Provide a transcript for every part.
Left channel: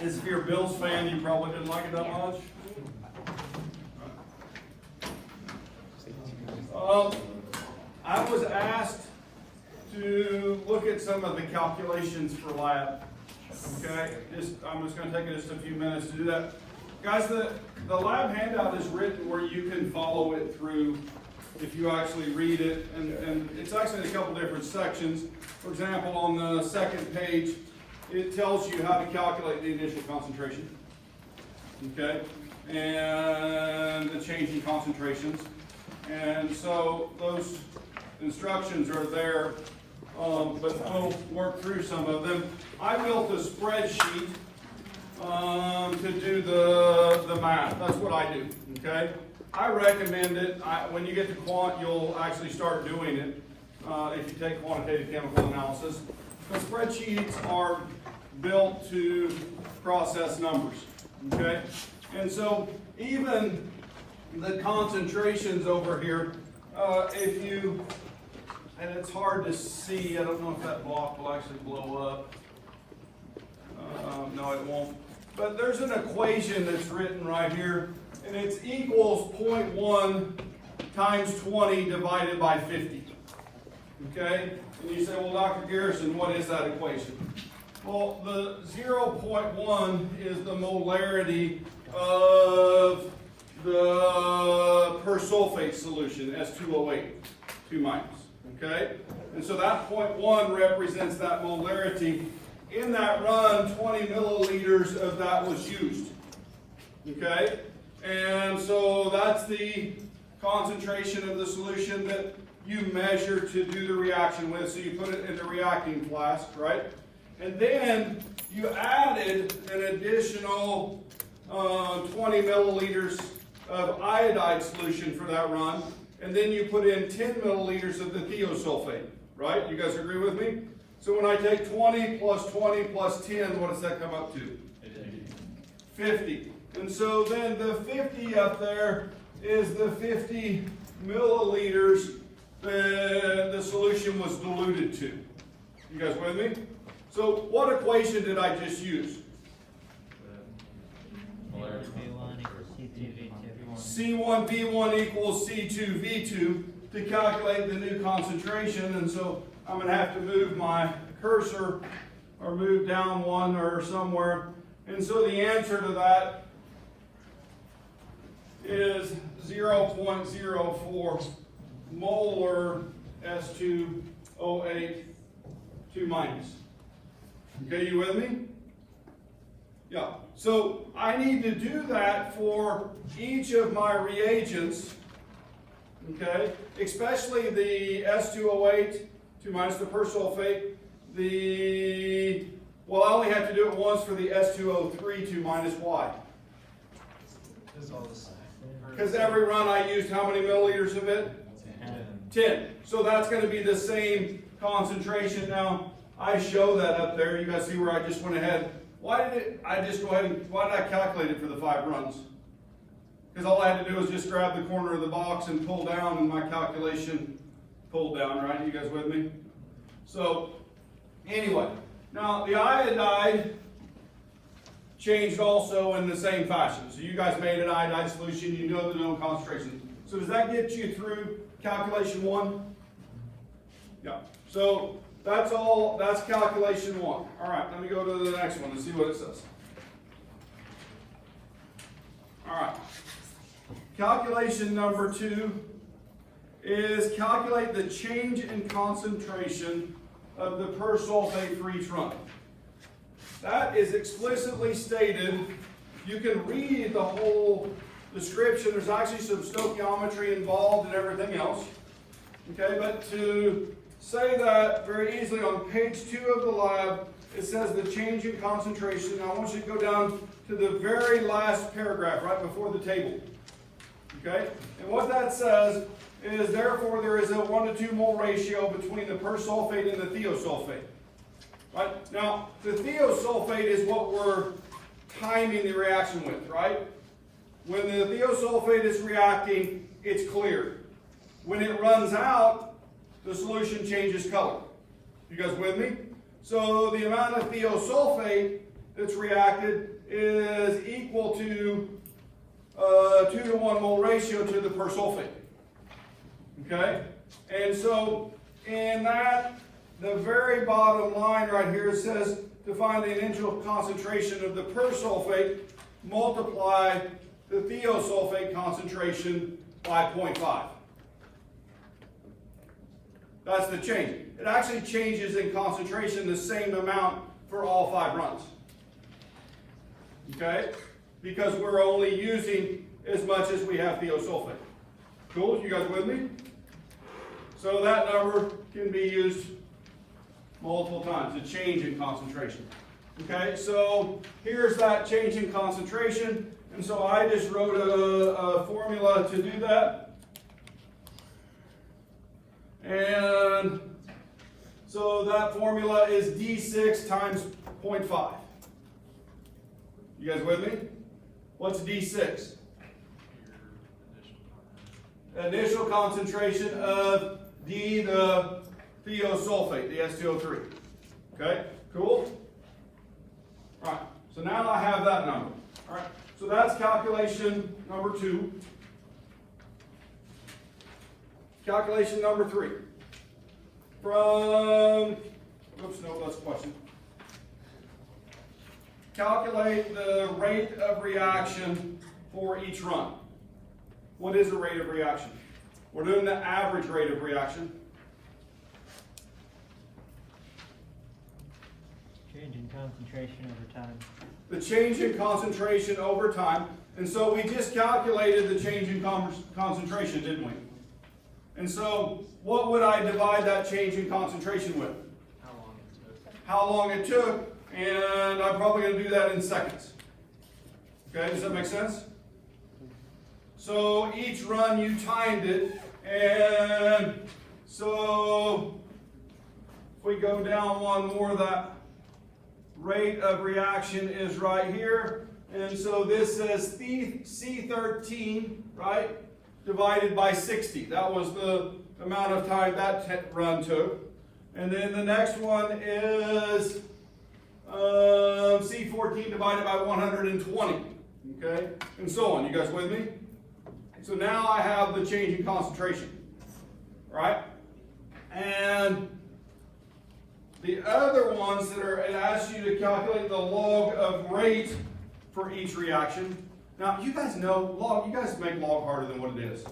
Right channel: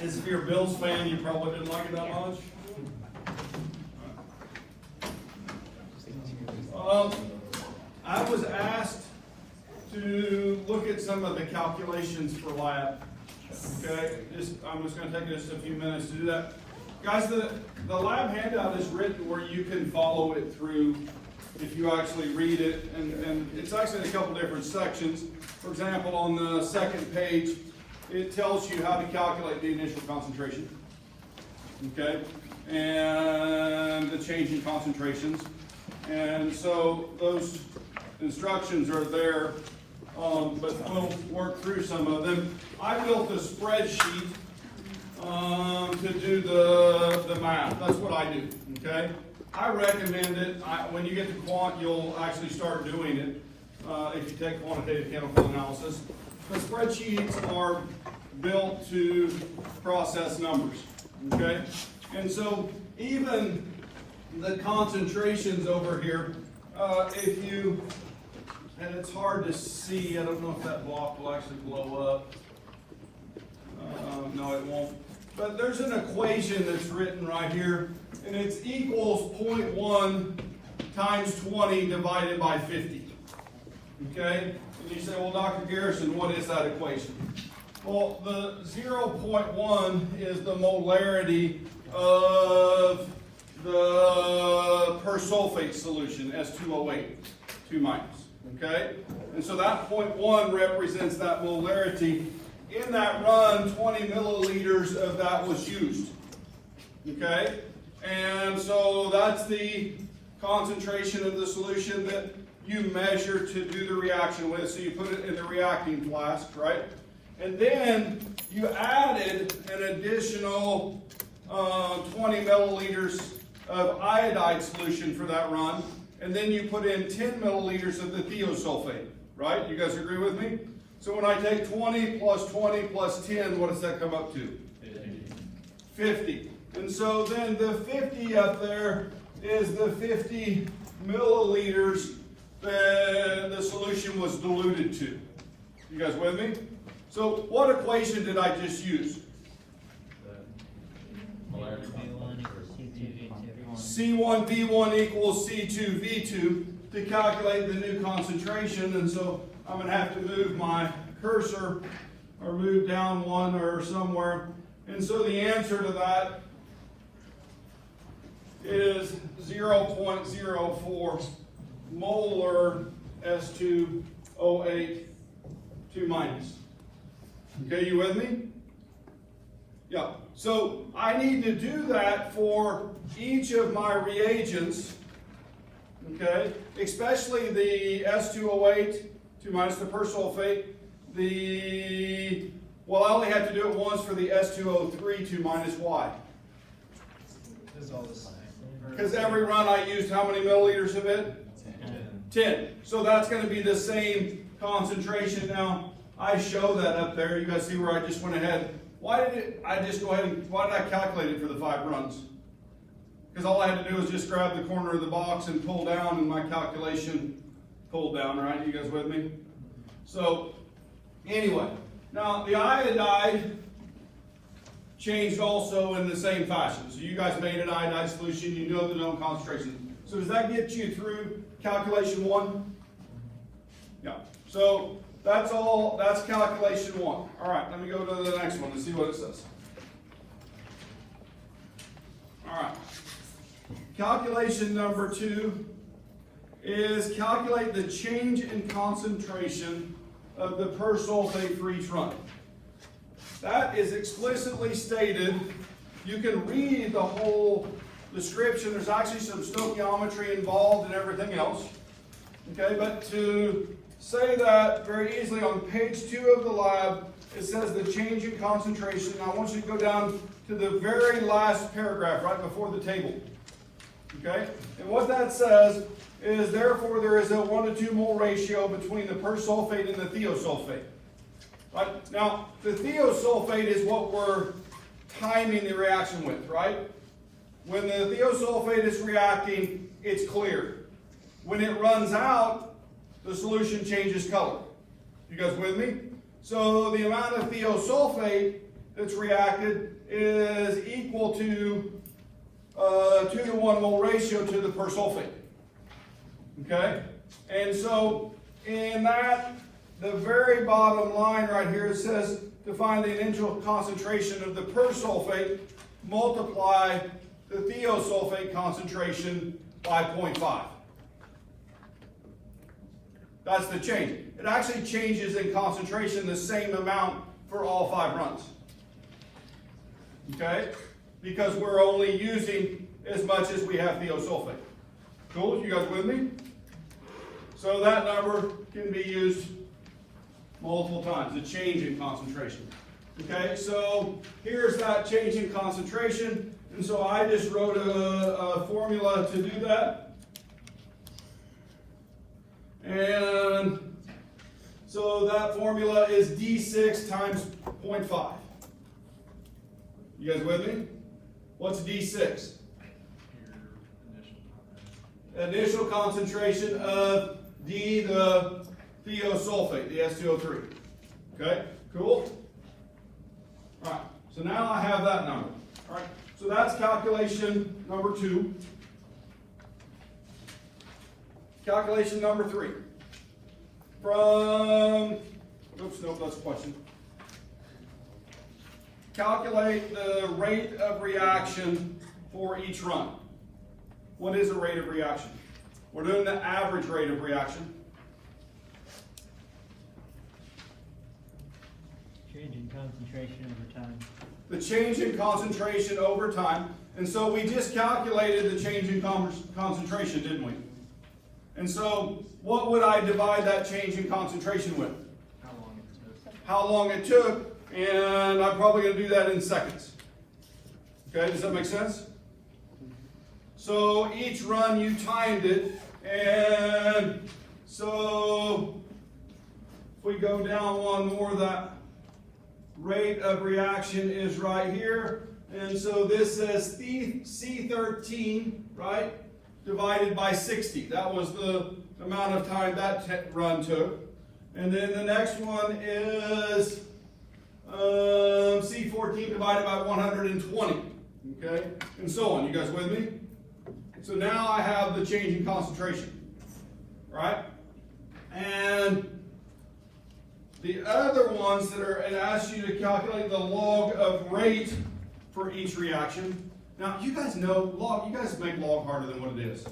is if you're a Bills fan, you probably didn't like it that much. I was asked to look at some of the calculations for lab. Okay, I'm just going to take just a few minutes to do that. Guys, the lab handout is written where you can follow it through if you actually read it, and it's actually in a couple different sections. For example, on the second page, it tells you how to calculate the initial concentration, okay, and the change in concentrations. And so those instructions are there, but we'll work through some of them. I built a spreadsheet to do the math. That's what I do, okay? I recommend it. When you get to quant, you'll actually start doing it if you take quantitative chemical analysis. But spreadsheets are built to process numbers, okay? And so even the concentrations over here, if you, and it's hard to see, I don't know if that block will actually blow up. No, it won't. But there's an equation that's written right here, and it's equals 0.1 times 20 divided by 50. Okay? And you say, well, Dr. Garrison, what is that equation? Well, the 0.1 is the molarity of the persulfate solution, S2O8, 2 minus. Okay? And so that 0.1 represents that molarity. In that run, 20 milliliters of that was used. Okay? And so that's the concentration of the solution that you measure to do the reaction with. So you put it in the reacting flask, right? And then you added an additional 20 milliliters of iodide solution for that run. And then you put in 10 milliliters of the thiosulfate, right? You guys agree with me? So when I take 20 plus 20 plus 10, what does that come up to? 50. And so then the 50 up there is the 50 milliliters that the solution was diluted to. You guys with me? So what equation did I just use? C1V1 equals C2V2 to calculate the new concentration. And so I'm going to have to move my cursor or move down one or somewhere. And so the answer to that is 0.04 molar S2O8 2 minus. Okay, you with me? Yeah. So I need to do that for each of my reagents, okay, especially the S2O8 2 minus the persulfate. Well, I only had to do it once for the S2O3 2 minus. Why? Because every run I used how many milliliters of it? 10. So that's going to be the same concentration. Now, I show that up there. You guys see where I just went ahead. Why did I calculate it for the 5 runs? Because all I had to do was just grab the corner of the box and pull down, and my calculation pulled down, right? You guys with me? So, anyway, now the iodide changed also in the same fashion. So you guys made an iodide solution, you know the known concentration. So does that get you through calculation 1? Yeah. So that's all, that's calculation 1. All right, let me go to the next one and see what it says. All right. Calculation number 2 is calculate the change in concentration of the persulfate for each run. That is explicitly stated. You can read the whole description. There's actually some stoichiometry involved and everything else. Okay, but to say that very easily on page 2 of the lab, it says the change in concentration. Now I want you to go down to the very last paragraph right before the table. Okay, and what that says is therefore there is a 1 to 2 mole ratio between the persulfate and the thiosulfate. Right? Now, the thiosulfate is what we're timing the reaction with, right? When the thiosulfate is reacting, it's clear. When it runs out, the solution changes color. You guys with me? So the amount of thiosulfate that's reacted is equal to 2-to-1 mole ratio to the persulfate. Okay? And so in that, the very bottom line right here, it says to find the initial concentration of the persulfate, multiply the thiosulfate concentration by 0.5. That's the change. It actually changes in concentration the same amount for all 5 runs. Okay? Because we're only using as much as we have thiosulfate. Cool? You guys with me? So that number can be used multiple times, a change in concentration. Okay, so here's that change in concentration, and so I just wrote a formula to do that. And so that formula is D6 times 0.5. You guys with me? What's D6? Initial concentration of D, the thiosulfate, the S2O3. Okay, cool? All right, so now I have that number. All right, so that's calculation number 2. Calculation number 3. Oops, no, that's a question. Calculate the rate of reaction for each run. What is the rate of reaction? We're doing the average rate of reaction. Change in concentration over time. The change in concentration over time. And so we just calculated the change in concentration, didn't we? And so what would I divide that change in concentration with? How long it took. And I'm probably going to do that in seconds. Okay, does that make sense? So each run you timed it, and so if we go down one more, that rate of reaction is right here, and so this says C13, right, divided by 60. That was the amount of time that run took. And then the next one is C14 divided by 120, okay, and so on. You guys with me? So now I have the change in concentration, right? And the other ones that are, it asks you to calculate the log of rate for each reaction. Now, you guys know log, you guys make log harder than what it is,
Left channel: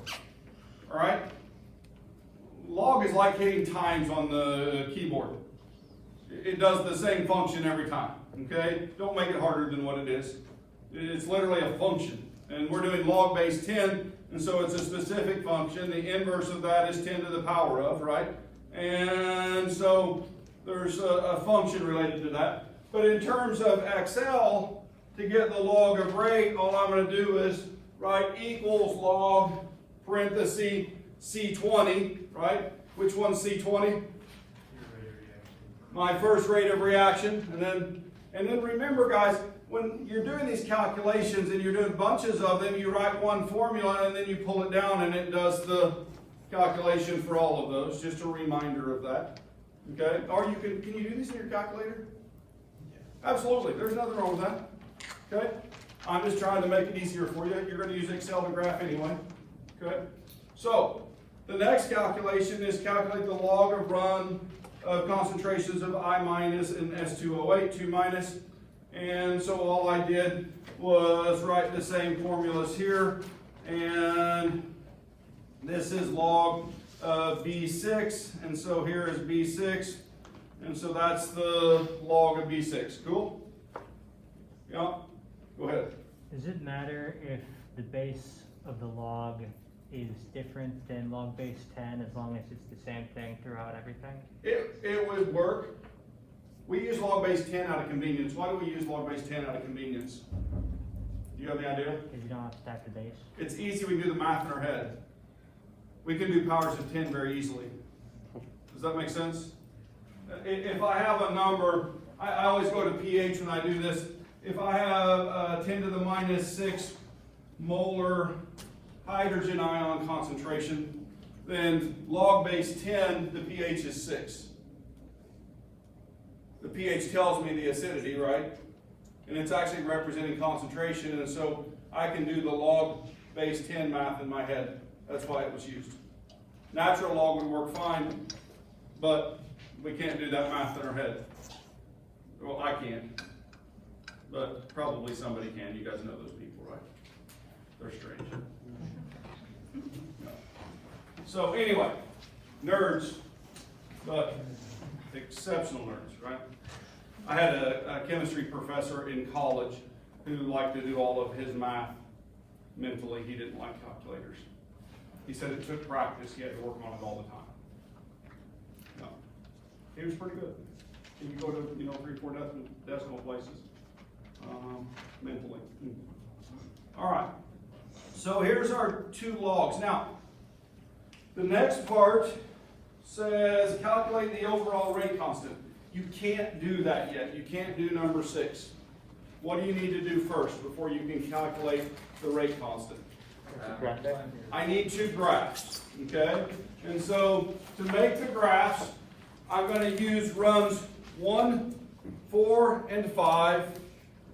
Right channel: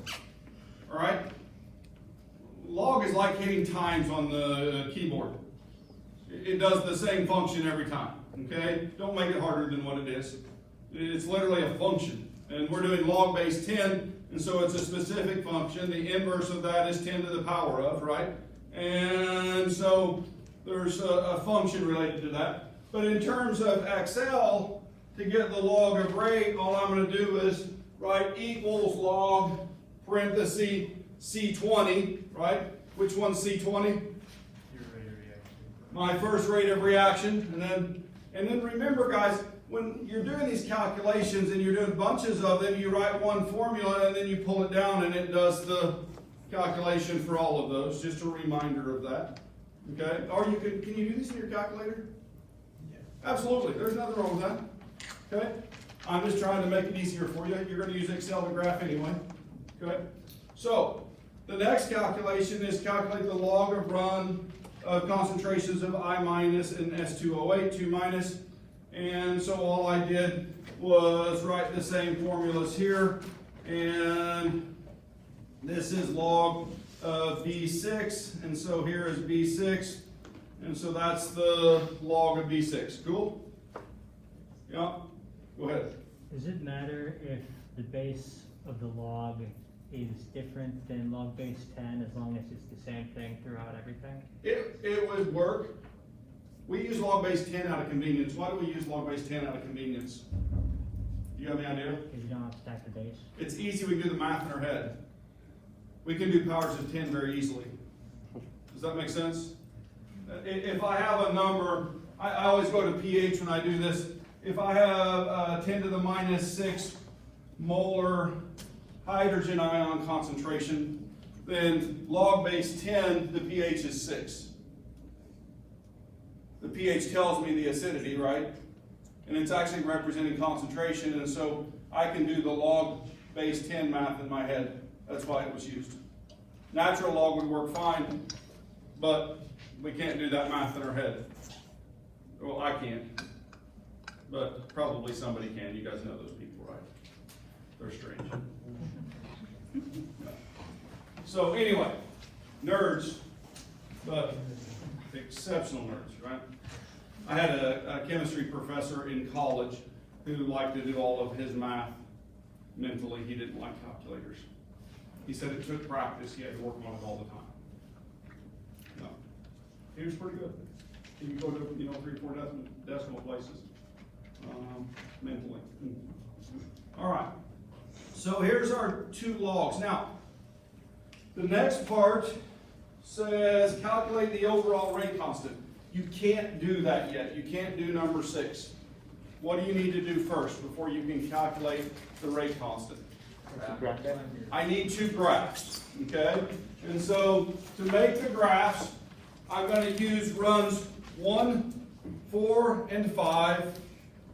all right? Log is like hitting times on the keyboard. It does the same function every time, okay? Don't make it harder than what it is. It's literally a function. And we're doing log base 10, and so it's a specific function. The inverse of that is 10 to the power of, right? And so there's a function related to that. But in terms of Excel, to get the log of rate, all I'm going to do is write equals log parenthesis C20, right? Which one's C20? My first rate of reaction. And then remember, guys, when you're doing these calculations and you're doing bunches of them, you write one formula and then you pull it down and it does the calculation for all of those. Just a reminder of that. Okay? Or you can you do this in your calculator? Absolutely. There's nothing wrong with that. Okay? I'm just trying to make it easier for you. You're going to use Excel to graph anyway. Okay? So, the next calculation is calculate the log of run of concentrations of I minus and S2O8, 2 minus. And so all I did was write the same formulas here. And this is log of B6. And so here is B6. And so that's the log of B6. Cool? Yeah? Go ahead. Does it matter if the base of the log is different than log base 10 as long as it's the same thing throughout everything? It would work. We use log base 10 out of convenience. Why do we use log base 10 out of convenience? Do you have any idea? Because you don't have to stack the base. It's easy. We do the math in our head. We can do powers of 10 very easily. Does that make sense? If I have a number, I always go to pH when I do this. If I have 10 to the minus 6 molar hydrogen ion concentration, then log base 10, the pH is 6. The pH tells me the acidity, right? and it's actually representing concentration, and so I can do the log base 10 math in my head. That's why it was used. Natural log would work fine, but we can't do that math in our head. Well, I can't, but probably somebody can. You guys know those people, right? They're strange. No. So anyway, nerds, but exceptional nerds, right? I had a chemistry professor in college who liked to do all of his math mentally. He didn't like calculators. He said it took practice. He had to work on it all the time. No. He was pretty good. He could go to 3 or 4 decimal places mentally. All right. So here's our 2 logs. Now, the next part says calculate the overall rate constant. You can't do that yet. You can't do number 6. What do you need to do first before you can calculate the rate constant? I need 2 graphs, okay? And so to make the graphs, I'm going to use runs 1, 4, and 5,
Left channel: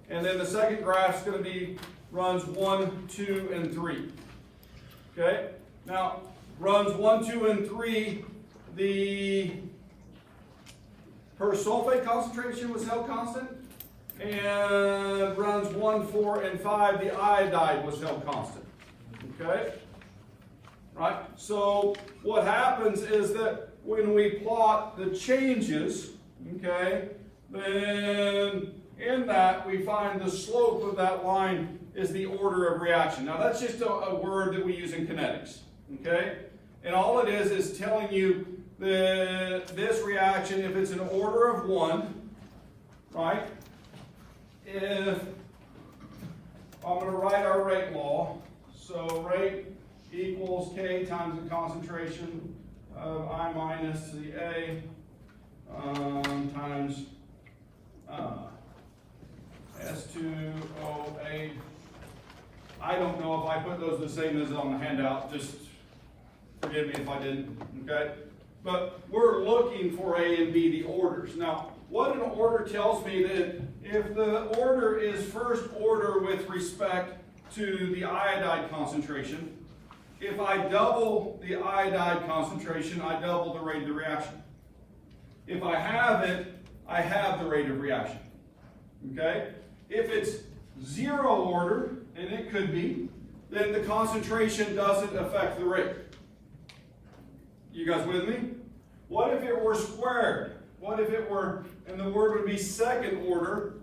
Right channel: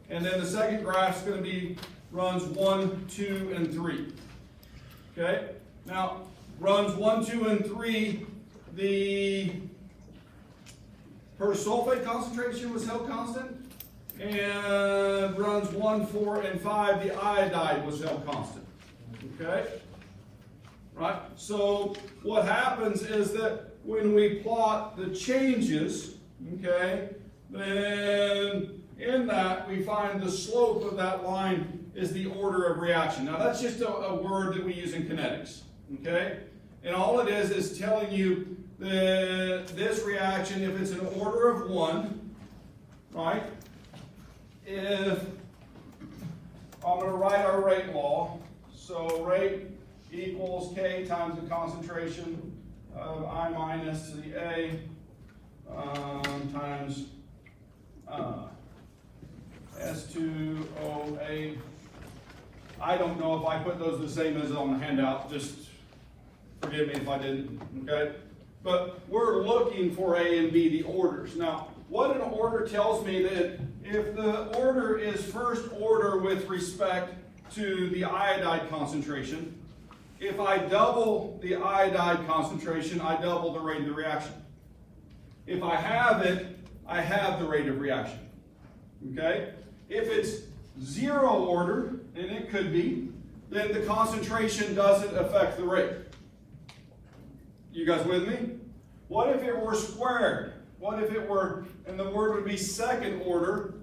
and then the second graph is going to be runs 1, 2, and 3. Okay? Now, runs 1, 2, and 3, the persulfate concentration was held constant, and runs 1, 4, and 5, the iodide was held constant. Okay? Right? So what happens is that when we plot the changes, okay, then in that we find the slope of that line is the order of reaction. Now that's just a word that we use in kinetics. Okay? And all it is telling you that this reaction, if it's an order of 1, right? If I'm going to write our rate law, so rate equals K times the concentration of I minus the A times S2O8. I don't know if I put those the same as on the handout, just forgive me if I didn't, okay? But we're looking for A and B, the orders. Now, what an order tells me that if the order is first order with respect to the iodide concentration, if I double the iodide concentration, I double the rate of the reaction. If I have it, I have the rate of reaction. Okay? If it's 0 order, and it could be, then the concentration doesn't affect the rate. You guys with me? What if it were squared? What if it were, and the word would be second order,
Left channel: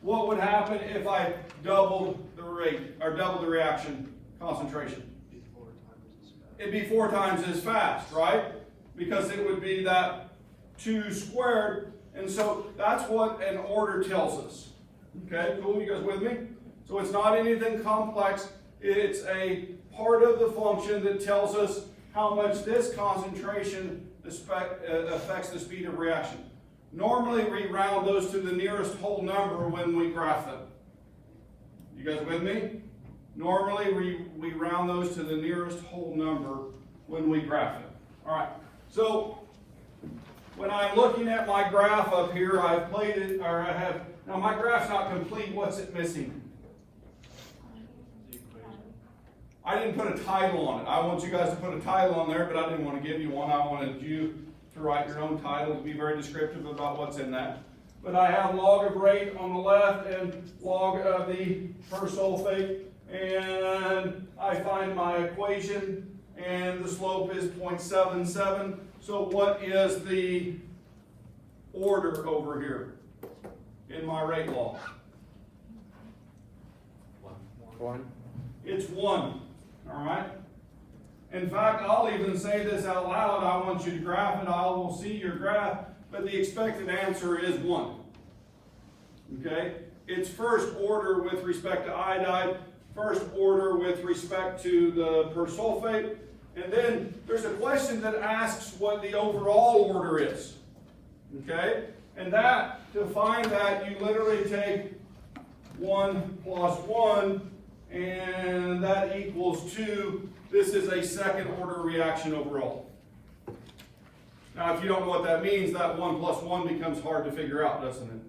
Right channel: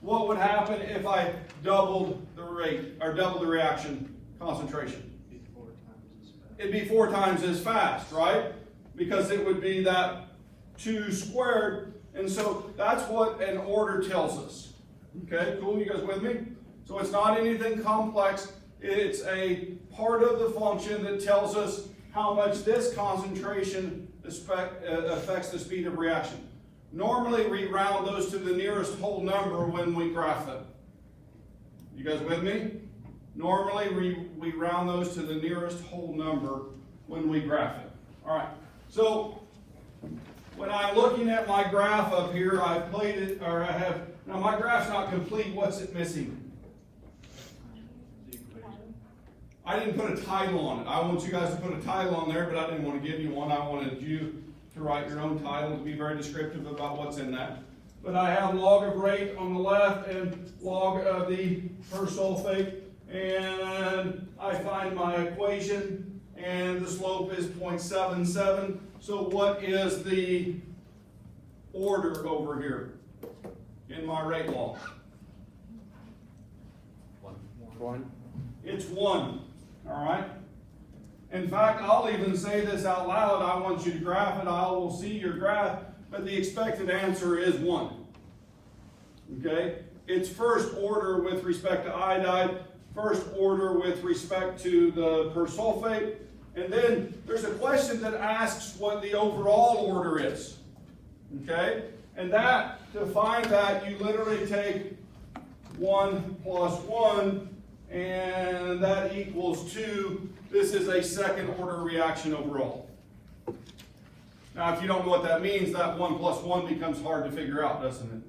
what would happen if I doubled the rate, or doubled the reaction concentration? It'd be 4 times as fast, right? Because it would be that 2 squared, and so that's what an order tells us. Okay, cool, you guys with me? So it's not anything complex, it's a part of the function that tells us how much this concentration affects the speed of reaction. Normally we round those to the nearest whole number when we graph them. You guys with me? Normally we round those to the nearest whole number when we graph it. All right, so when I'm looking at my graph up here, I've played it, or I have, now my graph's not complete, what's it missing? I didn't put a title on it. I want you guys to put a title on there, but I didn't want to give you one. I wanted you to write your own title, to be very descriptive about what's in that. But I have log of rate on the left and log of the persulfate, and I find my equation, and the slope is 0.77. So what is the order over here in my rate law? 1. It's 1. All right? In fact, I'll even say this out loud. I want you to graph it. I will see your graph, but the expected answer is 1. Okay? It's first order with respect to iodide, first order with respect to the persulfate, and then there's a question that asks what the overall order is. Okay? And that, to find that, you literally take 1 plus 1, and that equals 2. This is a second order reaction overall. Now, if you don't know what that means, that 1 plus 1 becomes hard to figure out, doesn't it?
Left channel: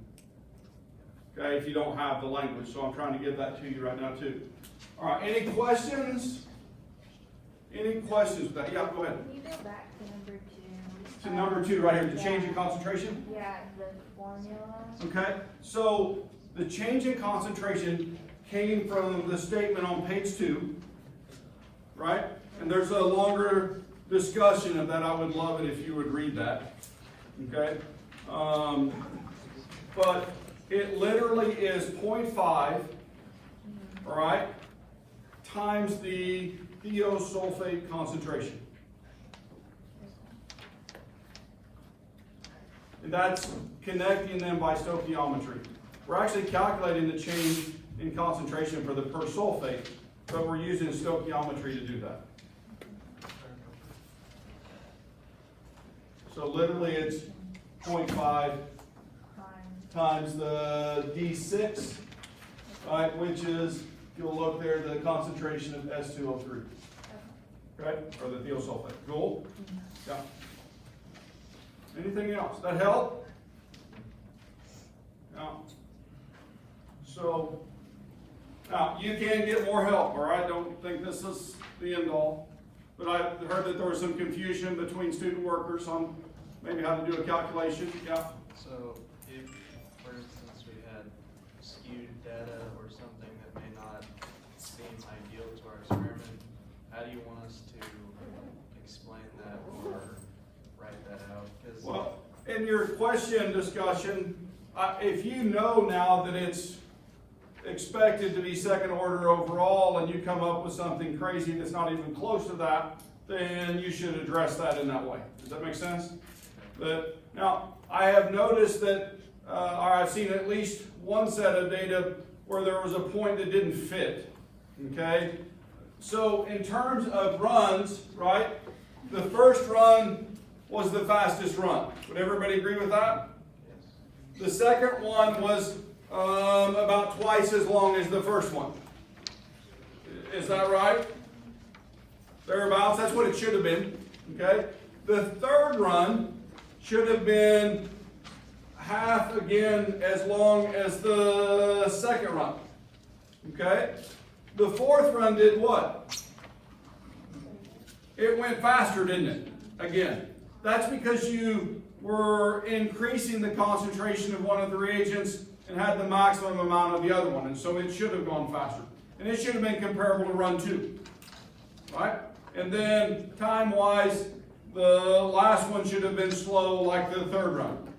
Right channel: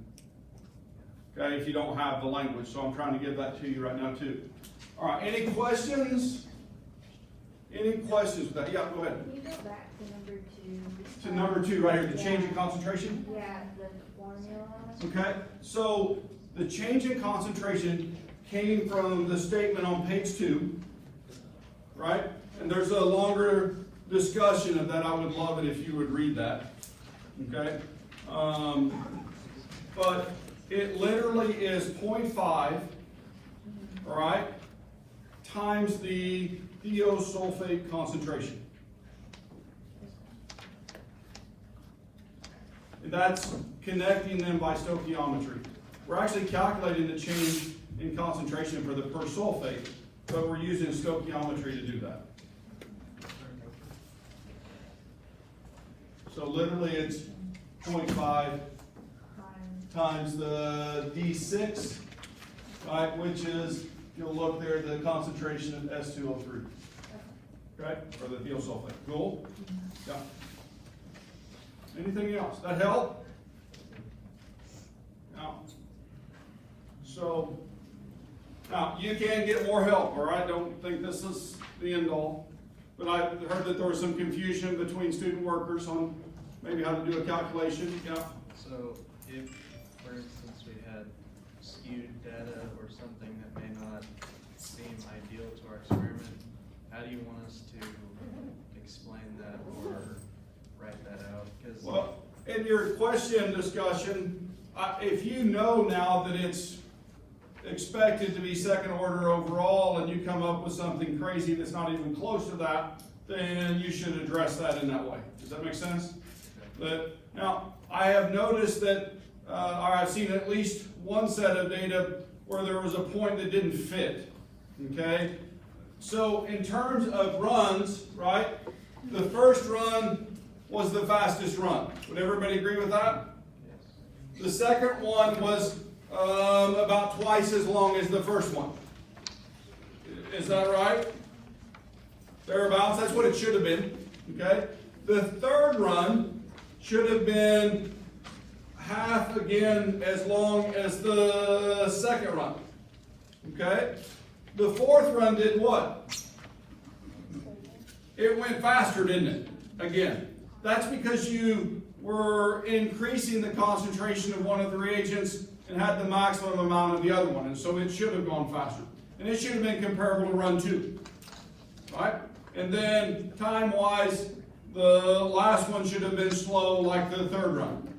okay, if you don't have the language. So I'm trying to give that to you right now too. All right, any questions? Any questions with that? Yeah, go ahead. Can we go back to number 2? To number 2 right here, the change in concentration. Yeah, the formula. Okay, so the change in concentration came from the statement on page 2, right? And there's a longer discussion of that. I would love it if you would read that. Okay, but it literally is 0.5, all right, times the thiosulfate concentration. That's connecting them by stoichiometry. We're actually calculating the change in concentration for the persulfate, but we're using stoichiometry to do that. So literally it's 0.5 times the D6, right, which is, you'll look there, the concentration of S2O3, right, or the thiosulfate. Cool? Yeah. Anything else? That help? Yeah. So, now, you can get more help, all right? Don't think this is the end all. But I heard that there was some confusion between student workers on maybe how to do a calculation. Yeah. So if, for instance, we had skewed data or something that may not seem ideal to our experiment, how do you want us to explain that or write that out? Well, in your question discussion, if you know now that it's expected to be second order overall and you come up with something crazy that's not even close to that, then you should address that in that way. Does that make sense? But now, I have noticed that, or I've seen at least one set of data where there was a point that didn't fit, okay? So in terms of runs, right, the first run was the fastest run. Would everybody agree with that? Yes. The second one was about twice as long as the first one. Is that right? Thereabouts, that's what it should have been, okay? The third run should have been half again as long as the second run, okay? The fourth run did what? It went faster, didn't it? Again, that's because you were increasing the concentration of one of the reagents and had the maximum amount of the other one, and so it should have gone faster. And it should have been comparable to run 2, right? And then time-wise, the last one should have been slow like the third run,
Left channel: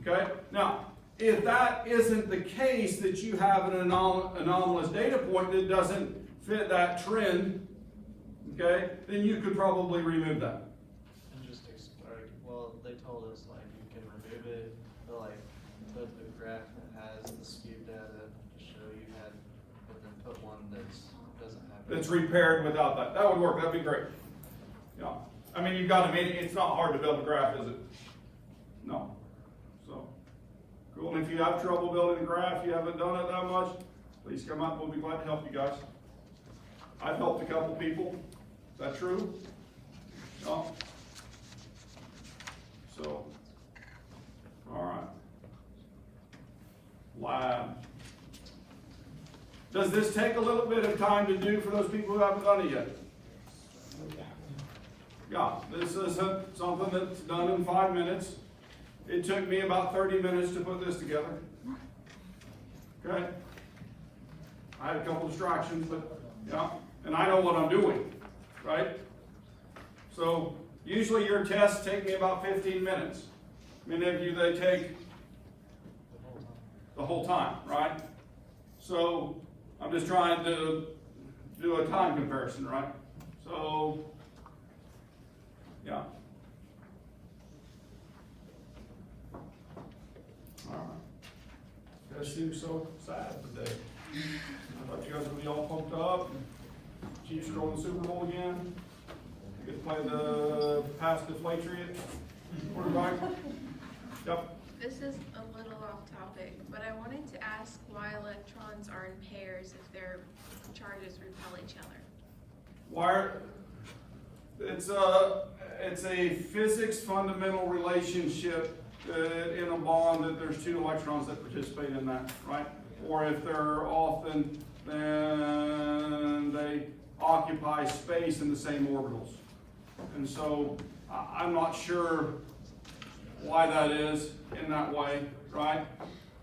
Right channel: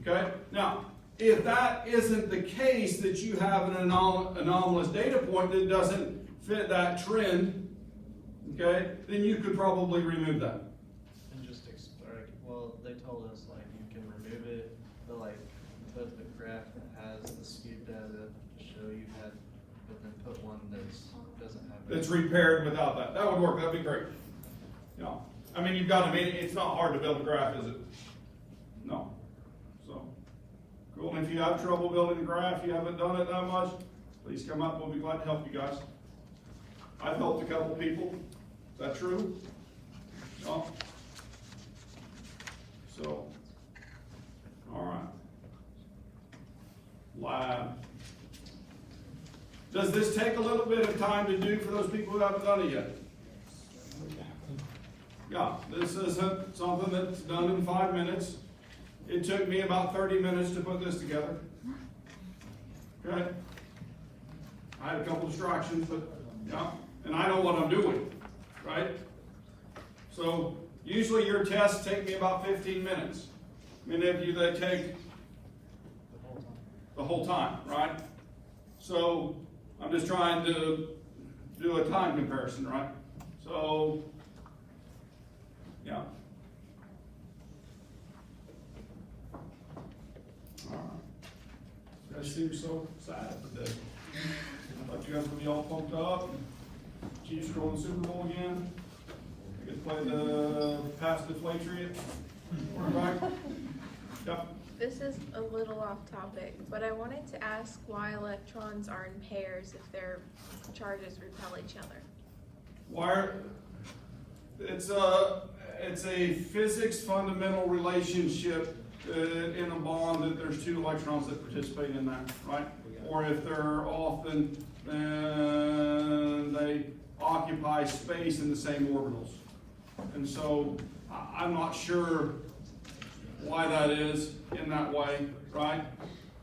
okay? Now, if that isn't the case, that you have an anomalous data point that doesn't fit that trend, okay, then you could probably remove that. And just, well, they told us like you can remove it, but like put the graph that has the skewed data, show you had, but then put one that doesn't have. That's repaired without that. That would work. That'd be great. Yeah. I mean, you've got to mean it's not hard to build a graph, is it? No. So, cool. And if you have trouble building a graph, you haven't done it that much, please come up. We'll be glad to help you guys. I've helped a couple people. Is that true? No. So, all right. Lab. Does this take a little bit of time to do for those people who haven't done it yet? Yeah, this isn't something that's done in 5 minutes. It took me about 30 minutes to put this together. Okay? I had a couple distractions, but yeah, and I know what I'm doing, right? So usually your tests take me about 15 minutes. Many of you, they take the whole time, right? So I'm just trying to do a time comparison, right? So, yeah. All right. You guys seem so sad today. I thought you guys would be all pumped up. Chiefs go to the Super Bowl again. You guys play the past Patriots quarterback. Yep. This is a little off topic, but I wanted to ask why electrons are in pairs if their charges repel each other. It's a physics fundamental relationship in a bond that there's 2 electrons that participate in that, right? Or if they're often, then they occupy space in the same orbitals. And so I'm not sure why that is in that way, right?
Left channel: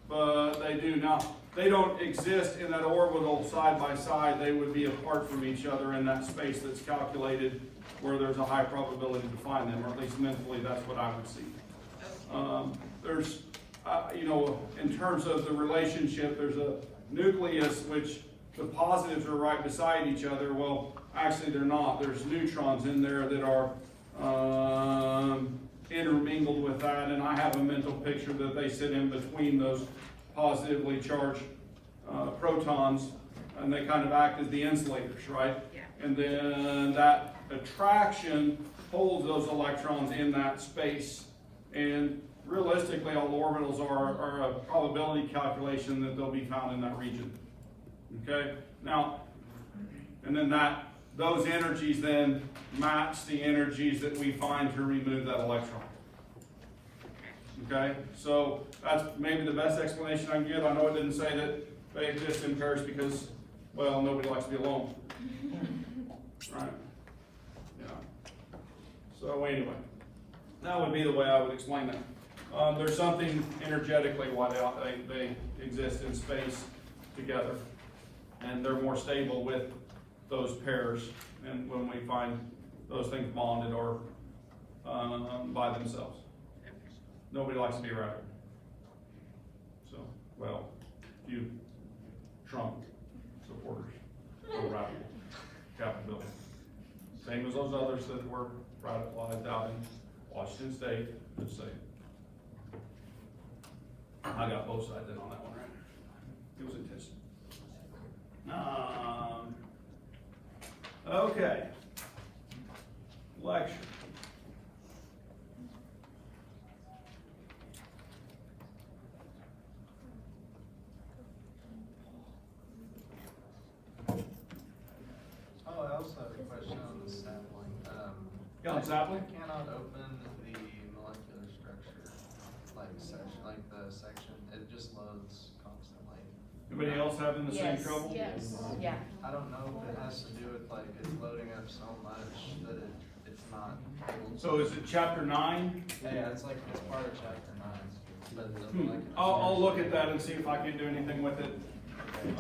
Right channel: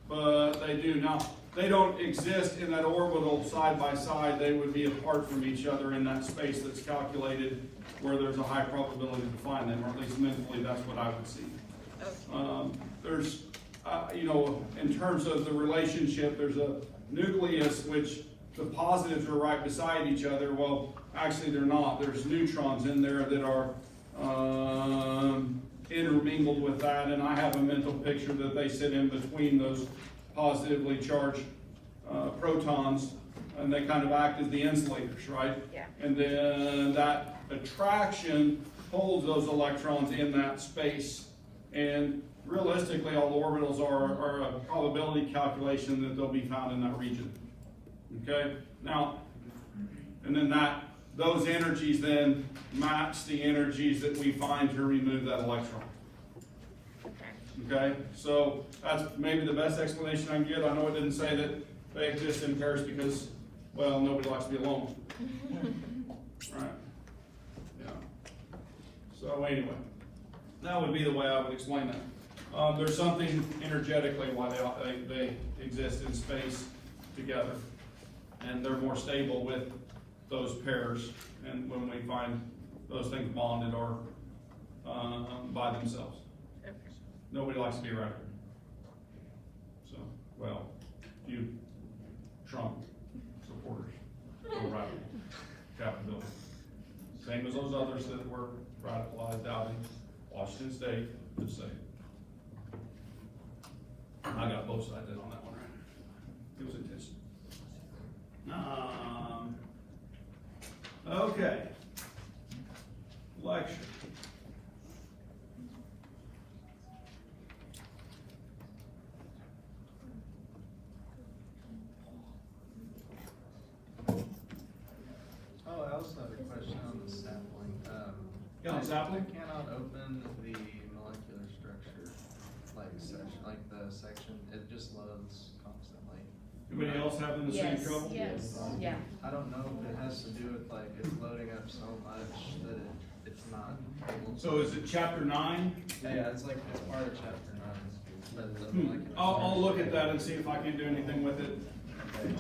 But they do. Now, they don't exist in that orbital side by side. They would be apart from each other in that space that's calculated where there's a high probability to find them, or at least mentally, that's what I would see. There's, you know, in terms of the relationship, there's a nucleus which the positives are right beside each other. Well, actually they're not. There's neutrons in there that are intermingled with that, and I have a mental picture that they sit in between those positively charged protons, and they kind of act as the insulators, right? Yeah. And then that attraction holds those electrons in that space. And realistically, all orbitals are a probability calculation that they'll be found in that region. Okay? Now, and then those energies then match the energies that we find to remove that electron. Okay? So that's maybe the best explanation I can give. I know it didn't say that they exist in pairs because, well, nobody likes to be alone. Right? Yeah. So anyway, that would be the way I would explain that. There's something energetically why they exist in space together, and they're more stable with those pairs, and when we find those things bonded or by themselves. Nobody likes to be around. So, well, you Trump supporters are radical capability. Same as those others that were radicalized out in Washington State, just saying. I got both sides in on that one, right? It was intense. Okay. Lecture. Oh, I also had a question on the sapling. Yeah, sapling? I cannot open the molecular structure, like the section, it just loads constantly. Anybody else having the same trouble? Yes, yeah. I don't know if it has to do with like it's loading up so much that it's not able to. So is it chapter 9? Yeah, it's like, it's part of chapter 9. But the molecular I'll look at structure- that and see if I can do anything with it. Okay.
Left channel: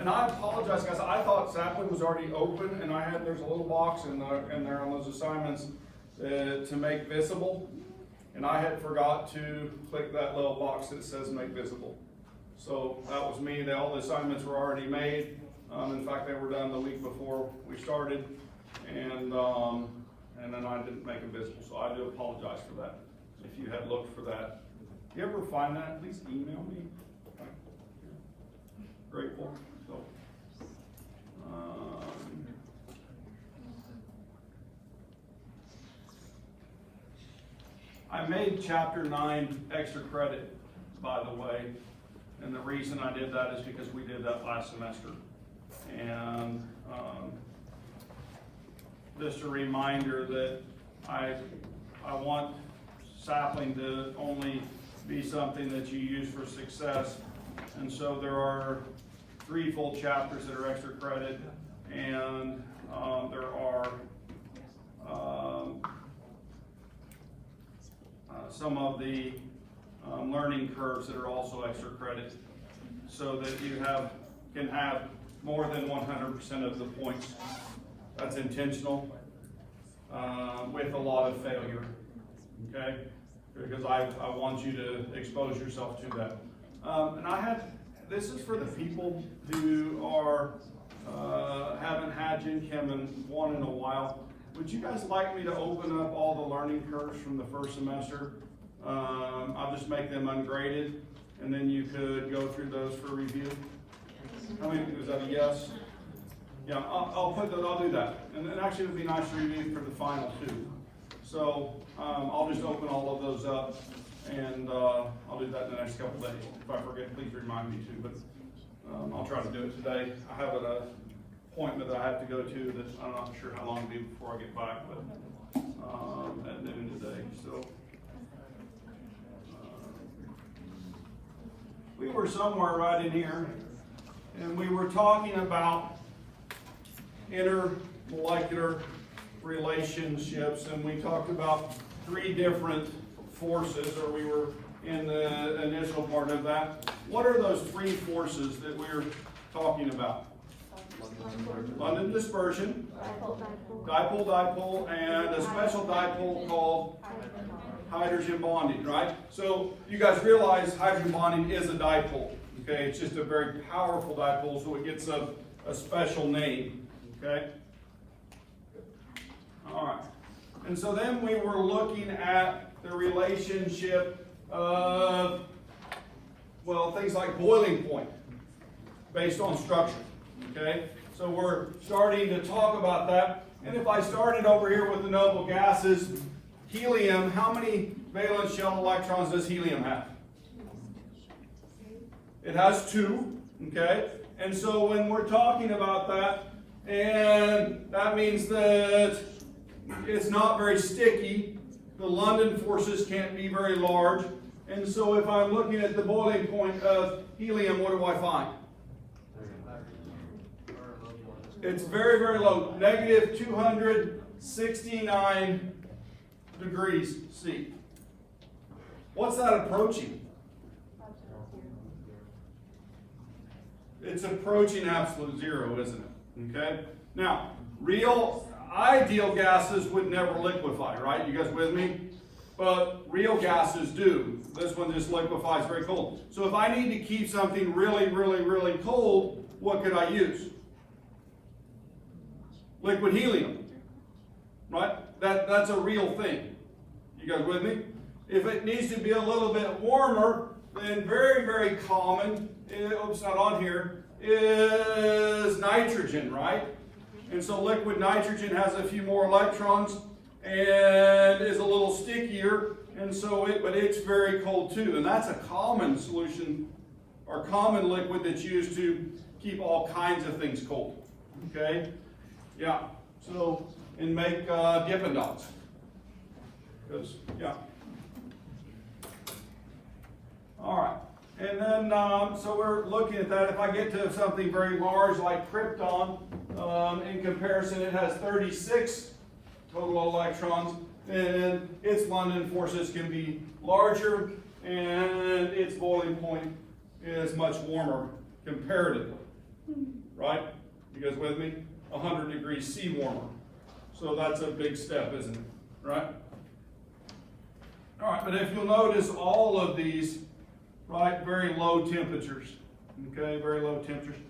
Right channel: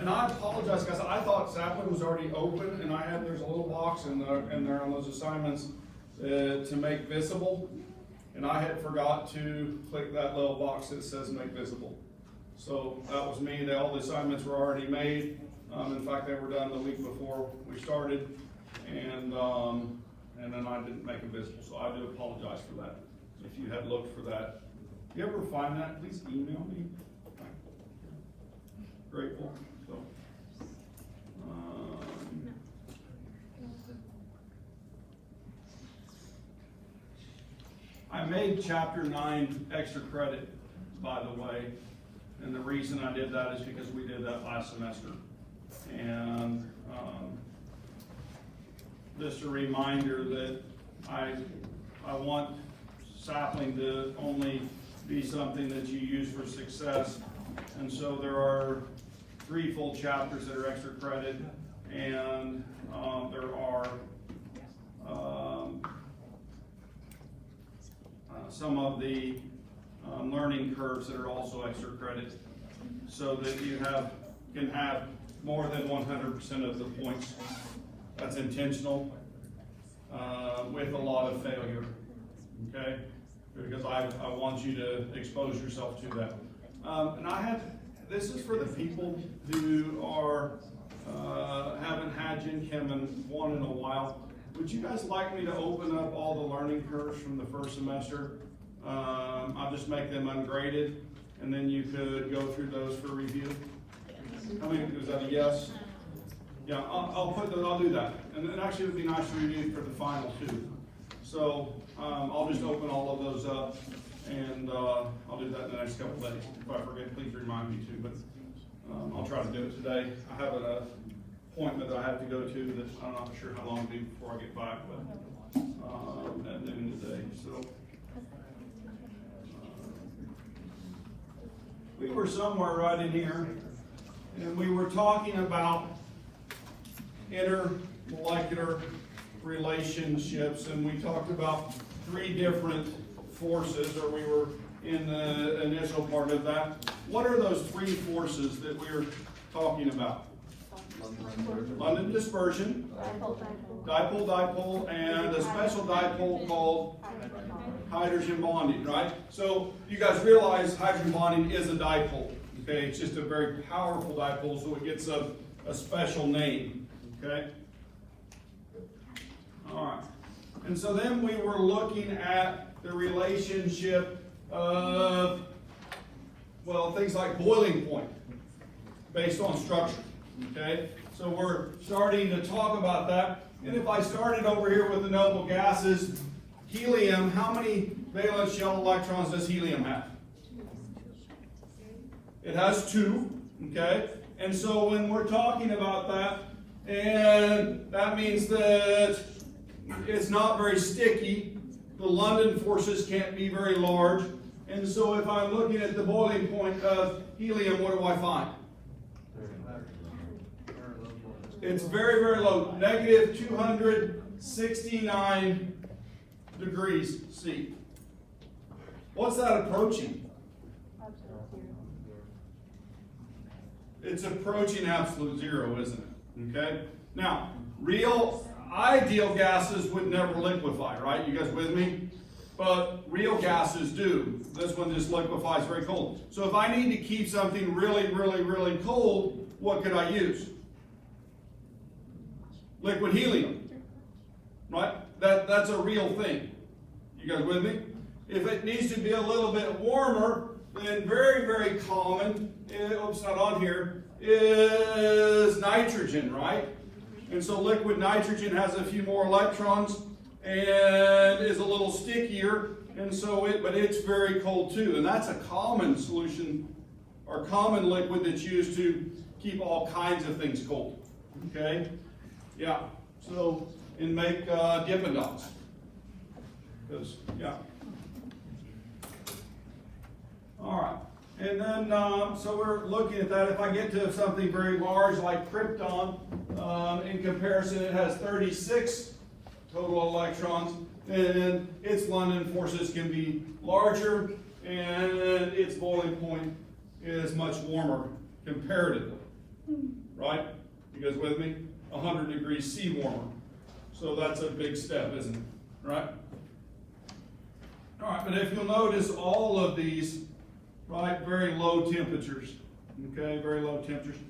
And I apologize, guys, I thought sapling was already open, and there's a little box in there on those assignments to make visible. And I had forgot to click that little box that says make visible. So that was me, all the assignments were already made. In fact, they were done the week before we started, and then I didn't make them visible, so I do apologize for that. If you had looked for that. If you ever find that, please email me. Grateful, so. I made chapter 9 extra credit, by the way, and the reason I did that is because we did that last semester. And just a reminder that I want sapling to only be something that you use for success. And so there are 3 full chapters that are extra credit, and there are some of the learning curves that are also extra credit, so that you can have more than 100% of the points. That's intentional, with a lot of failure, okay? Because I want you to expose yourself to that. And this is for the people who are, haven't had Gen Chem in a while. Would you guys like me to open up all the learning curves from the first semester? I'll just make them ungraded, and then you could go through those for review. How many, was that a yes? Yeah, I'll do that. And then actually it would be nice to review for the final 2. So, I'll just open all of those up, and I'll do that in the next couple of days. If I forget, please remind me to, but I'll try to do it today. I have an appointment that I have to go to that I'm not sure how long it'll be before I get back, but at noon today, so. were somewhere right in here, and we were talking about intermolecular relationships, and we talked about 3 different forces, or we were in the initial part of that. What are those 3 forces that we're talking about? London dispersion, dipole, and a special dipole called hydrogen bonding, right? So you guys realize hydrogen bonding is a dipole, okay? It's just a very powerful dipole, so it gets a special name, okay? All right. And so then we were looking at the relationship of, well, things like boiling point based on structure, okay? So we're starting to talk about that. And if I started over here with the noble gases, helium, how many valence shell electrons does helium have? It has 2, okay? And so when we're talking about that, and that means that it's not very sticky, the London forces can't be very large, and so if I'm looking at the boiling point of helium, what do I find? It's very, very low, negative 269 degrees C. What's that approaching? It's approaching absolute 0, isn't it? Okay? Now, real ideal gases would never liquefy, right? You guys with me? But real gases do. This one just liquefies very cold. So if I need to keep something really, really, really cold, what could I use? Liquid helium, right? That's a real thing. You guys with me? If it needs to be a little bit warmer, then very, very common, it's not on here, is nitrogen, right? And so liquid nitrogen has a few more electrons and is a little stickier, and so but it's very cold too. And that's a common solution or common liquid that's used to keep all kinds of things cold. Okay? Yeah. So, and make Dippin' Dots. Because, yeah. All right. And then, so we're looking at that. If I get to something very large like krypton, in comparison, it has 36 total electrons, and its London forces can be larger, and its boiling point is much warmer comparatively. Right? You guys with me? 100 degrees C warmer. So that's a big step, isn't it? Right? All right, but if you'll notice all of these, right, very low temperatures. Okay, very low temperatures.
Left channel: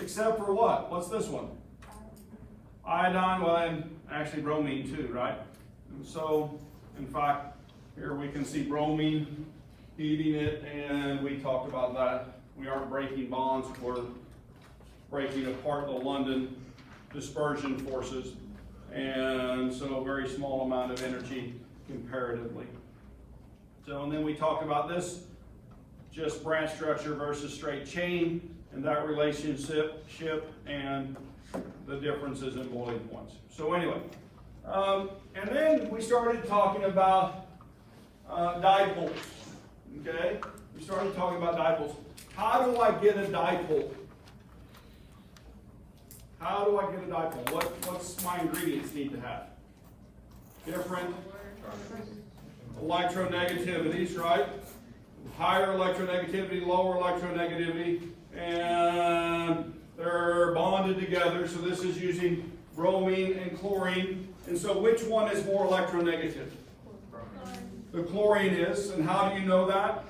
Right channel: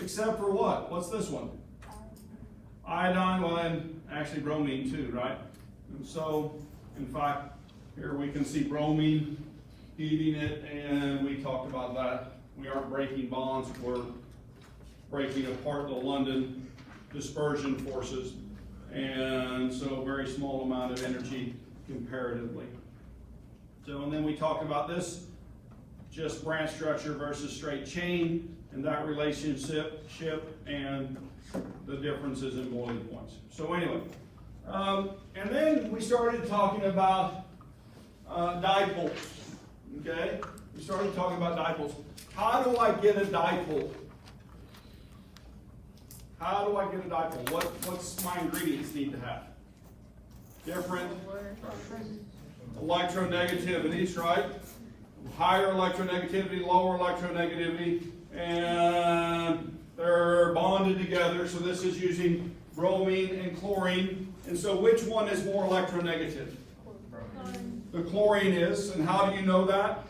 Except for what? What's this one? Iodine, well, and actually bromine too, right? And so, in fact, here we can see bromine heating it, and we talked about that. We aren't breaking bonds, we're breaking apart the London dispersion forces, and so a very small amount of energy comparatively. So, and then we talked about this, just branch structure versus straight chain, and that relationship and the differences in boiling points. So anyway, and then we started talking about dipoles, okay? We started talking about dipoles. How do I get a dipole? How do I get a dipole? What's my ingredients need to have? Different electronegativities, right? Higher electronegativity, lower electronegativity, and they're bonded together. So this is using bromine and chlorine. And so which one is more electronegative? The chlorine is. And how do you know that?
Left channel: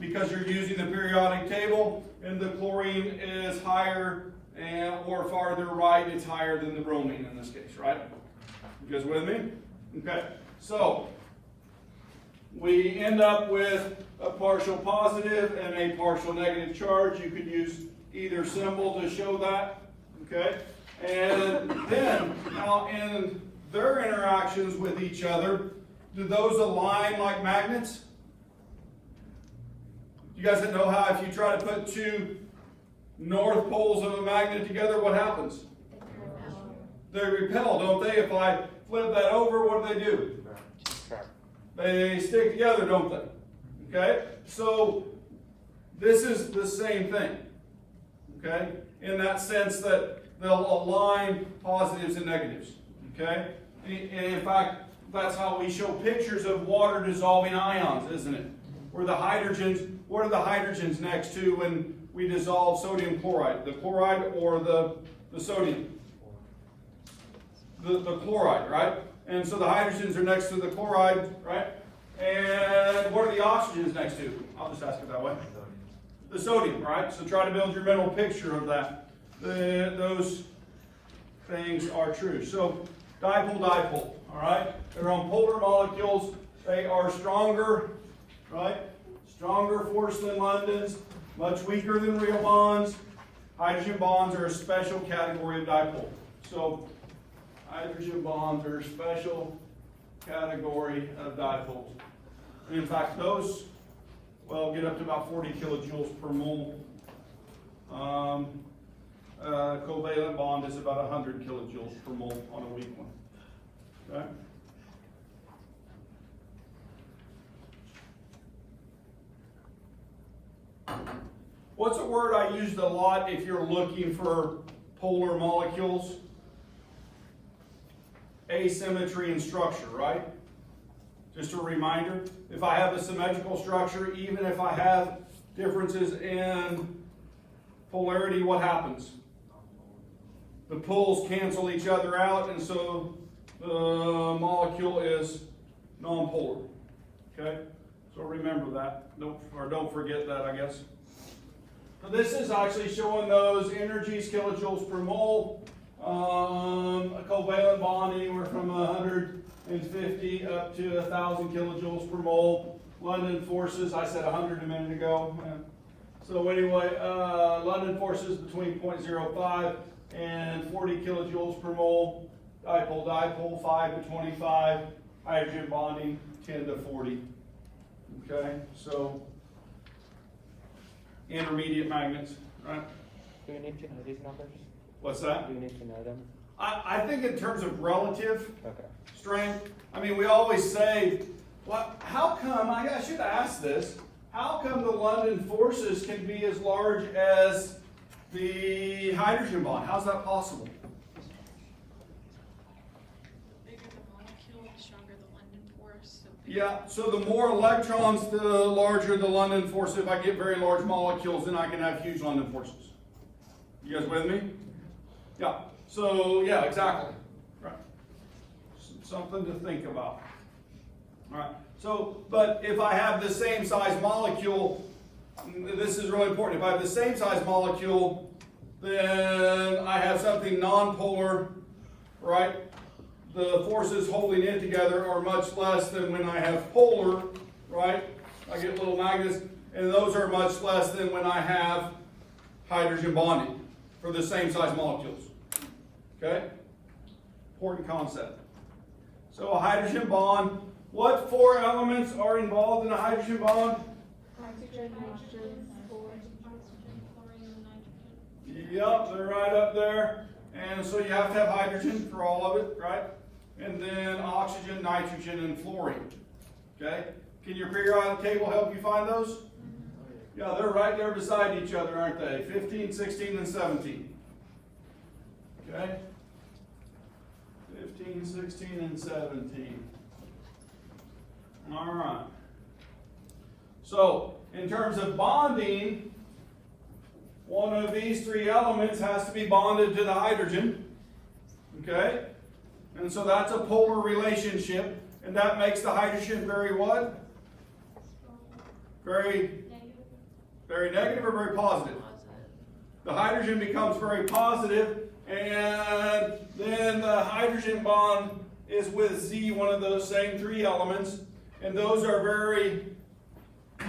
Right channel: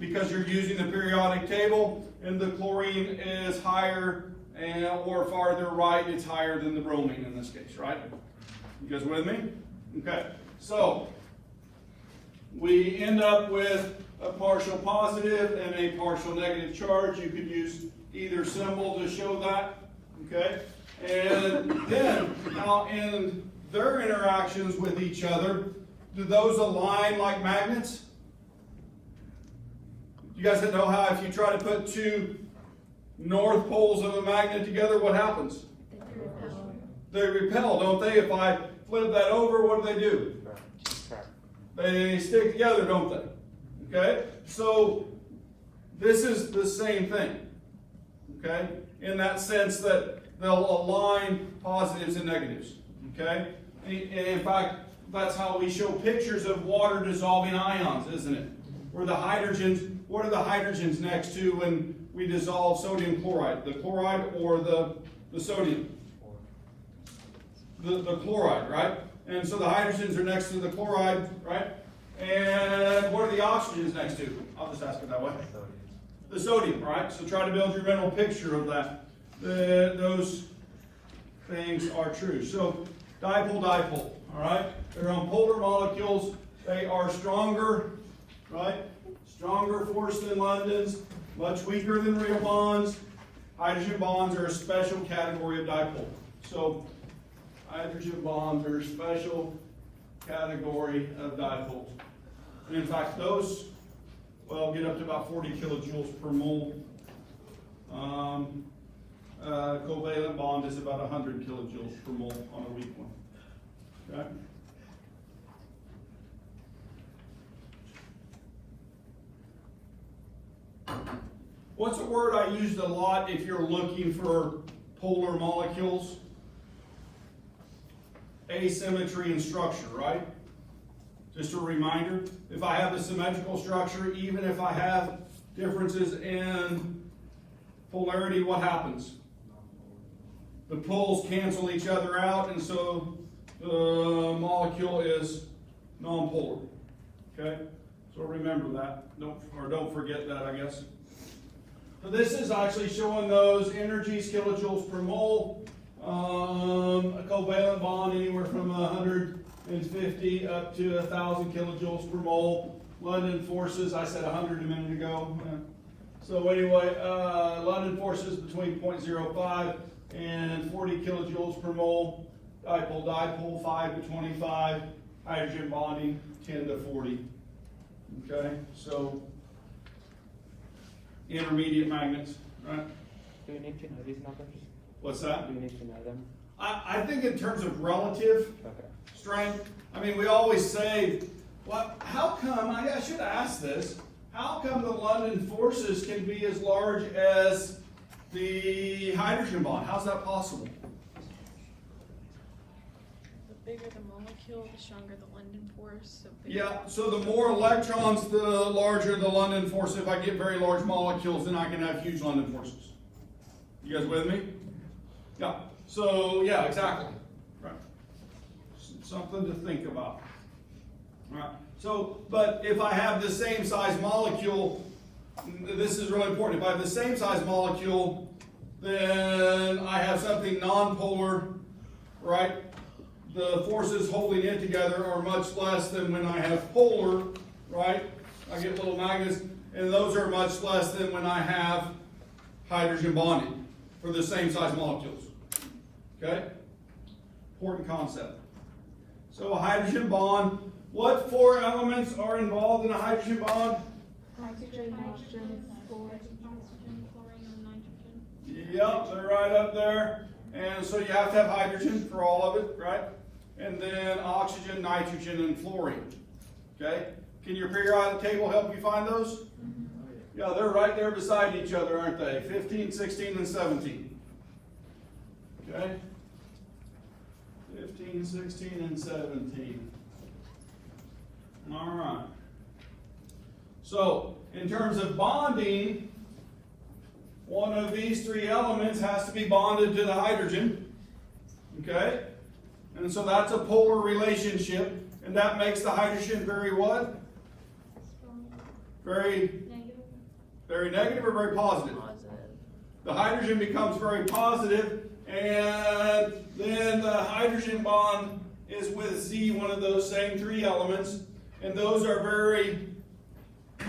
Because you're using the periodic table, and the chlorine is higher, or farther right, it's higher than the bromine in this case, right? You guys with me? Okay, so we end up with a partial positive and a partial negative charge. You could use either symbol to show that, okay? And then, now in their interactions with each other, do those align like magnets? You guys know how if you try to put 2 north poles of a magnet together, what happens? They repel, don't they? If I flip that over, what do? They stick together, don't they? Okay, so this is the same thing, okay, in that sense that they'll align positives and negatives, okay? And in fact, that's how we show pictures of water dissolving ions, isn't it? Where the hydrogens, what are the hydrogens next to when we dissolve sodium chloride? The chloride or the sodium? The chloride, right? And so the hydrogens are next to the chloride, right? And what are the oxygens next to? I'll just ask it that way. The sodium, right? So try to build your mental picture of that. Those things are true. So dipole, all right? They're on polar molecules. They are stronger, right? Stronger force than London's, much weaker than real bonds. Hydrogen bonds are a special category of dipole. So hydrogen bonds are a special category of dipole. And in fact, those, well, get up to about 40 kilojoules per mole. Covalent bond is about 100 kilojoules per mole on a weak one, right? What's a word I used a lot if you're looking for polar molecules? Asymmetry and structure, right? Just a reminder, if I have a symmetrical structure, even if I have differences in polarity, what happens? The poles cancel each other out, and so the molecule is nonpolar. Okay? So remember that. Don't forget that, I guess. So this is actually showing those energies, kilojoules per mole. A covalent bond anywhere from 150 up to 1,000 kilojoules per mole. London forces, I said 100 a minute ago. So anyway, London forces between 0.05 and 40 kilojoules per mole. Dipole, 5 to 25. Hydrogen bonding, 10 to 40. Okay, so intermediate magnets, right? Do you need to know these numbers? What's that? Do you need to know them? I think in terms of relative Okay. strength, I mean, we always say, well, how come, I should ask this, how come the London forces can be as large as the hydrogen bond? How's that possible? The bigger the molecule, the stronger the London force. So Yeah, so the more electrons, the larger the London force. If I get very large molecules, then I can have huge London forces. You guys with me? Yeah, so yeah, exactly. Right. Something to think about. All right. So, but if I have the same size molecule, this is really important. If I have the same size molecule, then I have something non-polar, right? The forces holding it together are much less than when I have polar, right? I get little magnets, and those are much less than when I have hydrogen bonding for the same size molecules. Okay? Important concept. So a hydrogen bond, what four elements are involved in a hydrogen bond? Nitrogen, Yep, they're right up there. And so you have to have hydrogen for all of it, right? And then oxygen, nitrogen, and fluorine. Okay? Can your periodic table help you find those? Yeah, they're right there beside each other, aren't they? 15, 16, and 17. Okay? 15, 16, and 17. All right. So, in terms of bonding, one of these three elements has to be bonded to the hydrogen. Okay? And so that's a polar relationship. And that makes the hydrogen very what? Very negative or very positive? The hydrogen becomes very positive, and then the hydrogen bond is with Z, one of those same three elements, and those are very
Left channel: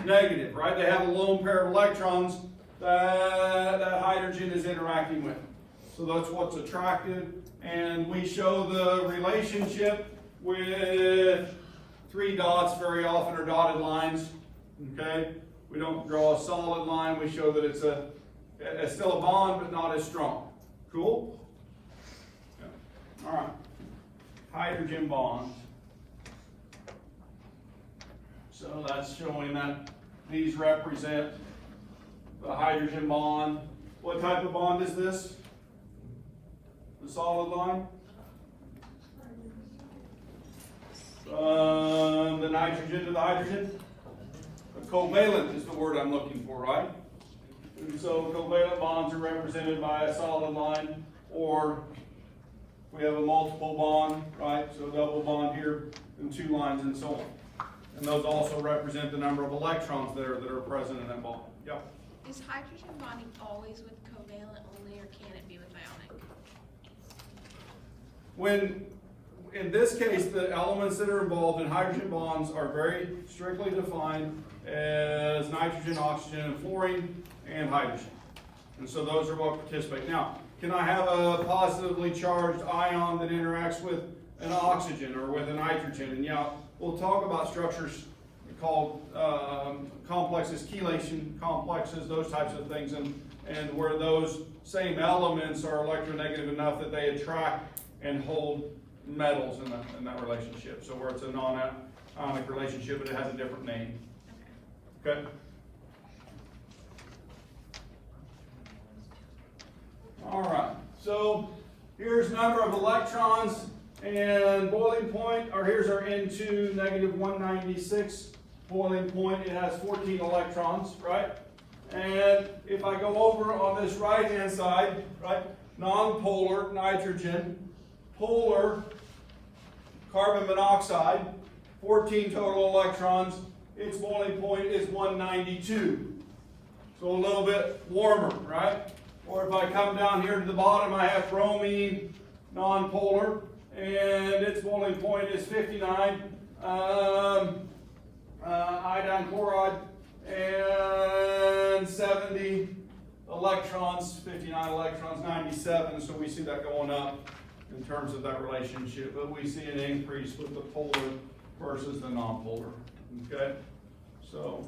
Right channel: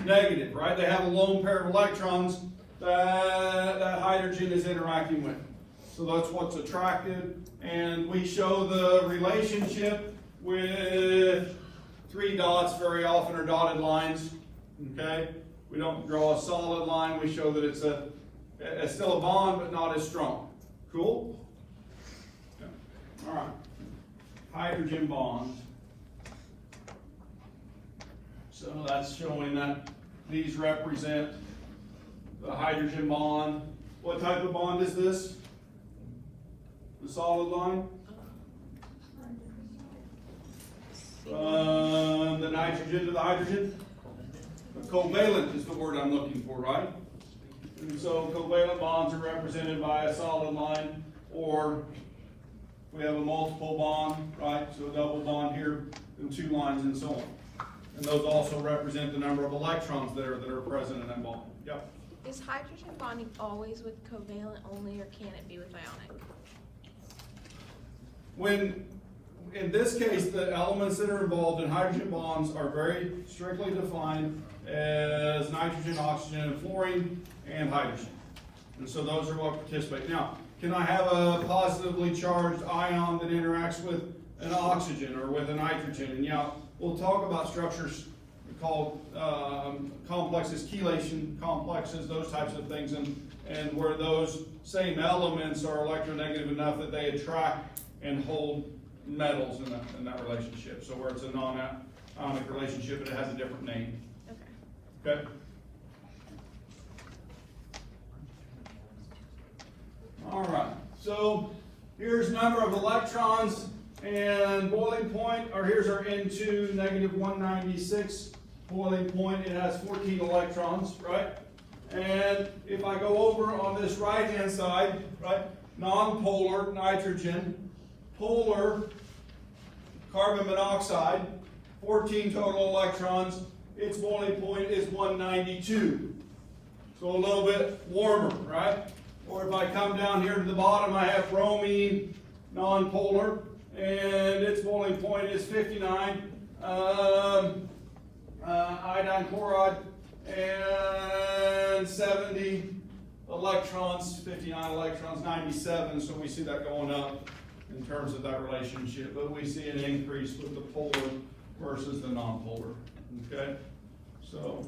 negative, right? They have a lone pair of electrons that hydrogen is interacting with. So that's what's attractive, and we show the relationship with three dots very often, or dotted lines, okay? We don't draw a solid line, we show that it's still a bond, but not as strong. Cool? Okay. All right. Hydrogen bonds. So that's showing that these represent the hydrogen bond. What type of bond is this? The solid bond? The nitrogen to the hydrogen? The covalent is the word I'm looking for, right? And so covalent bonds are represented by a solid line, or we have a multiple bond, right? So a double bond here, and two lines and so on. And those also represent the number of electrons that are present in that bond. Yep. Is hydrogen bonding always with covalent only, or can it be with ionic? When, in this case, the elements that are involved in hydrogen bonds are very strictly defined as nitrogen, oxygen, and fluorine, and hydrogen. And so those are what participate. Now, can I have a positively charged ion that interacts with an oxygen or with a nitrogen? And yeah, we'll talk about structures called complexes, chelation complexes, those types of things, and where those same elements are electronegative enough that they attract and hold metals in that relationship. So where it's a non-ionic relationship, but it has a different name. Okay? All right, so here's number of electrons and boiling point, or here's our N2 negative 196 boiling point. It has 14 electrons, right? And if I go over on this right-hand side, right, non-polar nitrogen, polar carbon monoxide, 14 total electrons, its boiling point is 192. So a little bit warmer, right? Or if I come down here to the bottom, I have bromine, non-polar, and its boiling point is 59. Iodine chloride, and 70 electrons, 59 electrons, 97. So we see that going up in terms of that relationship, but we see an increase with the polar versus the non-polar. Okay, so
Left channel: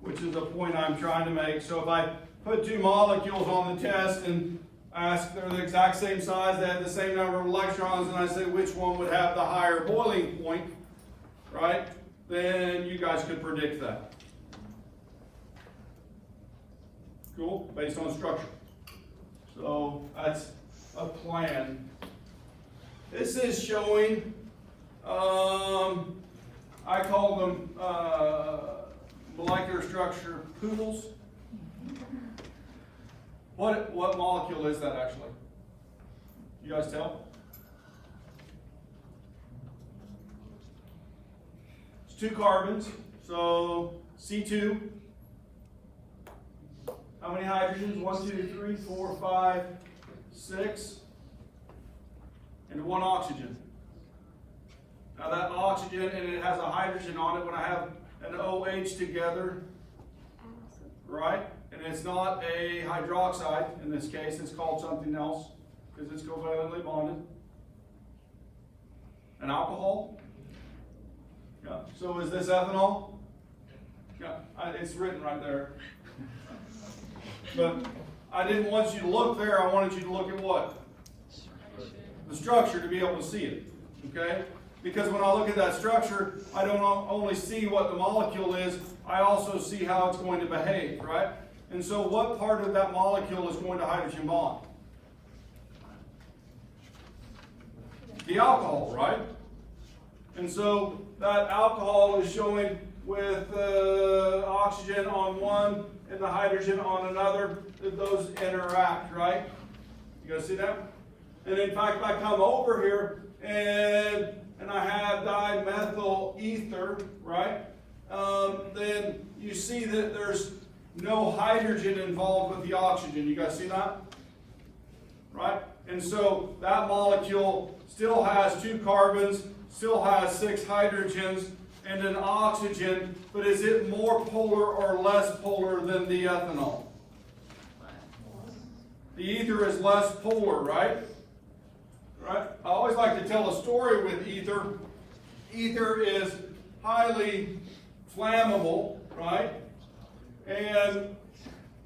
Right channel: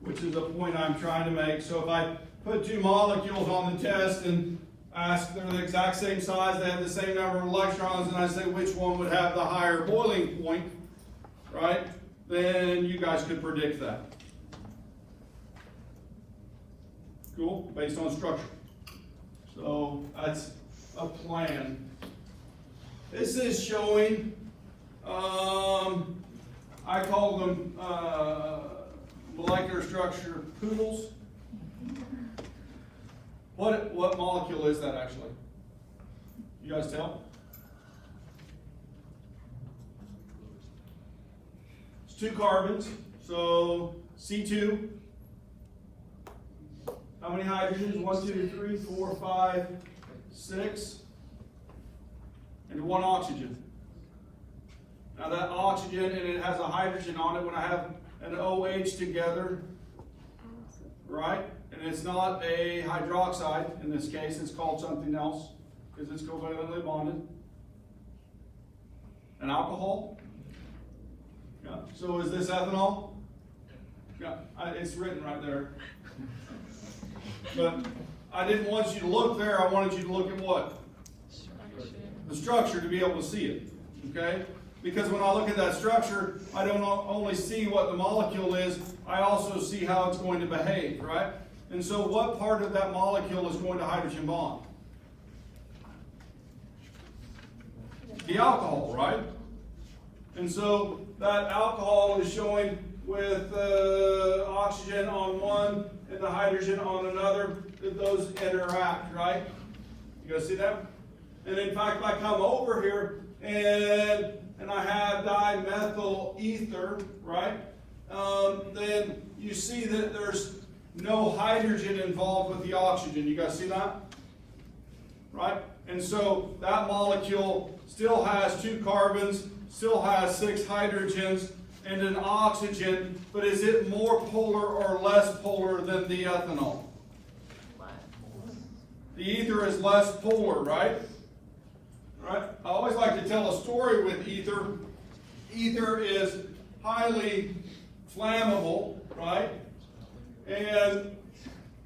which is a point I'm trying to make. So if I put two molecules on the test and ask, they're the exact same size, they have the same number of electrons, and I say which one would have the higher boiling point, right? Then you guys could predict that. Cool, based on structure. So that's a plan. This is showing, I call them molecular structure poodles. What molecule is that actually? You guys tell? It's 2 carbons, so C2. How many hydrogens? 1, 2, 3, 4, 5, 6. And 1 oxygen. Now that oxygen, and it has a hydrogen on it. When I have an OH together, right? And it's not a hydroxide in this case, it's called something else because it's covalently bonded. An alcohol? Yeah. So is this ethanol? Yeah, it's written right there. But I didn't want you to look there, I wanted you to look at what? The structure, to be able to see it. Okay? Because when I look at that structure, I don't only see what the molecule is, I also see how it's going to behave, right? And so what part of that molecule is going to hydrogen bond? The alcohol, right? And so that alcohol is showing with oxygen on one and the hydrogen on another, that those interact, right? You guys see that? And in fact, I come over here and I have dimethyl ether, right? Then you see that there's no hydrogen involved with the oxygen. You guys see that? Right? And so that molecule still has 2 carbons, still has 6 hydrogens, and an oxygen, but is it more polar or less polar than the ethanol? The ether is less polar, right? Right? I always like to tell a story with ether. Ether is highly flammable, right?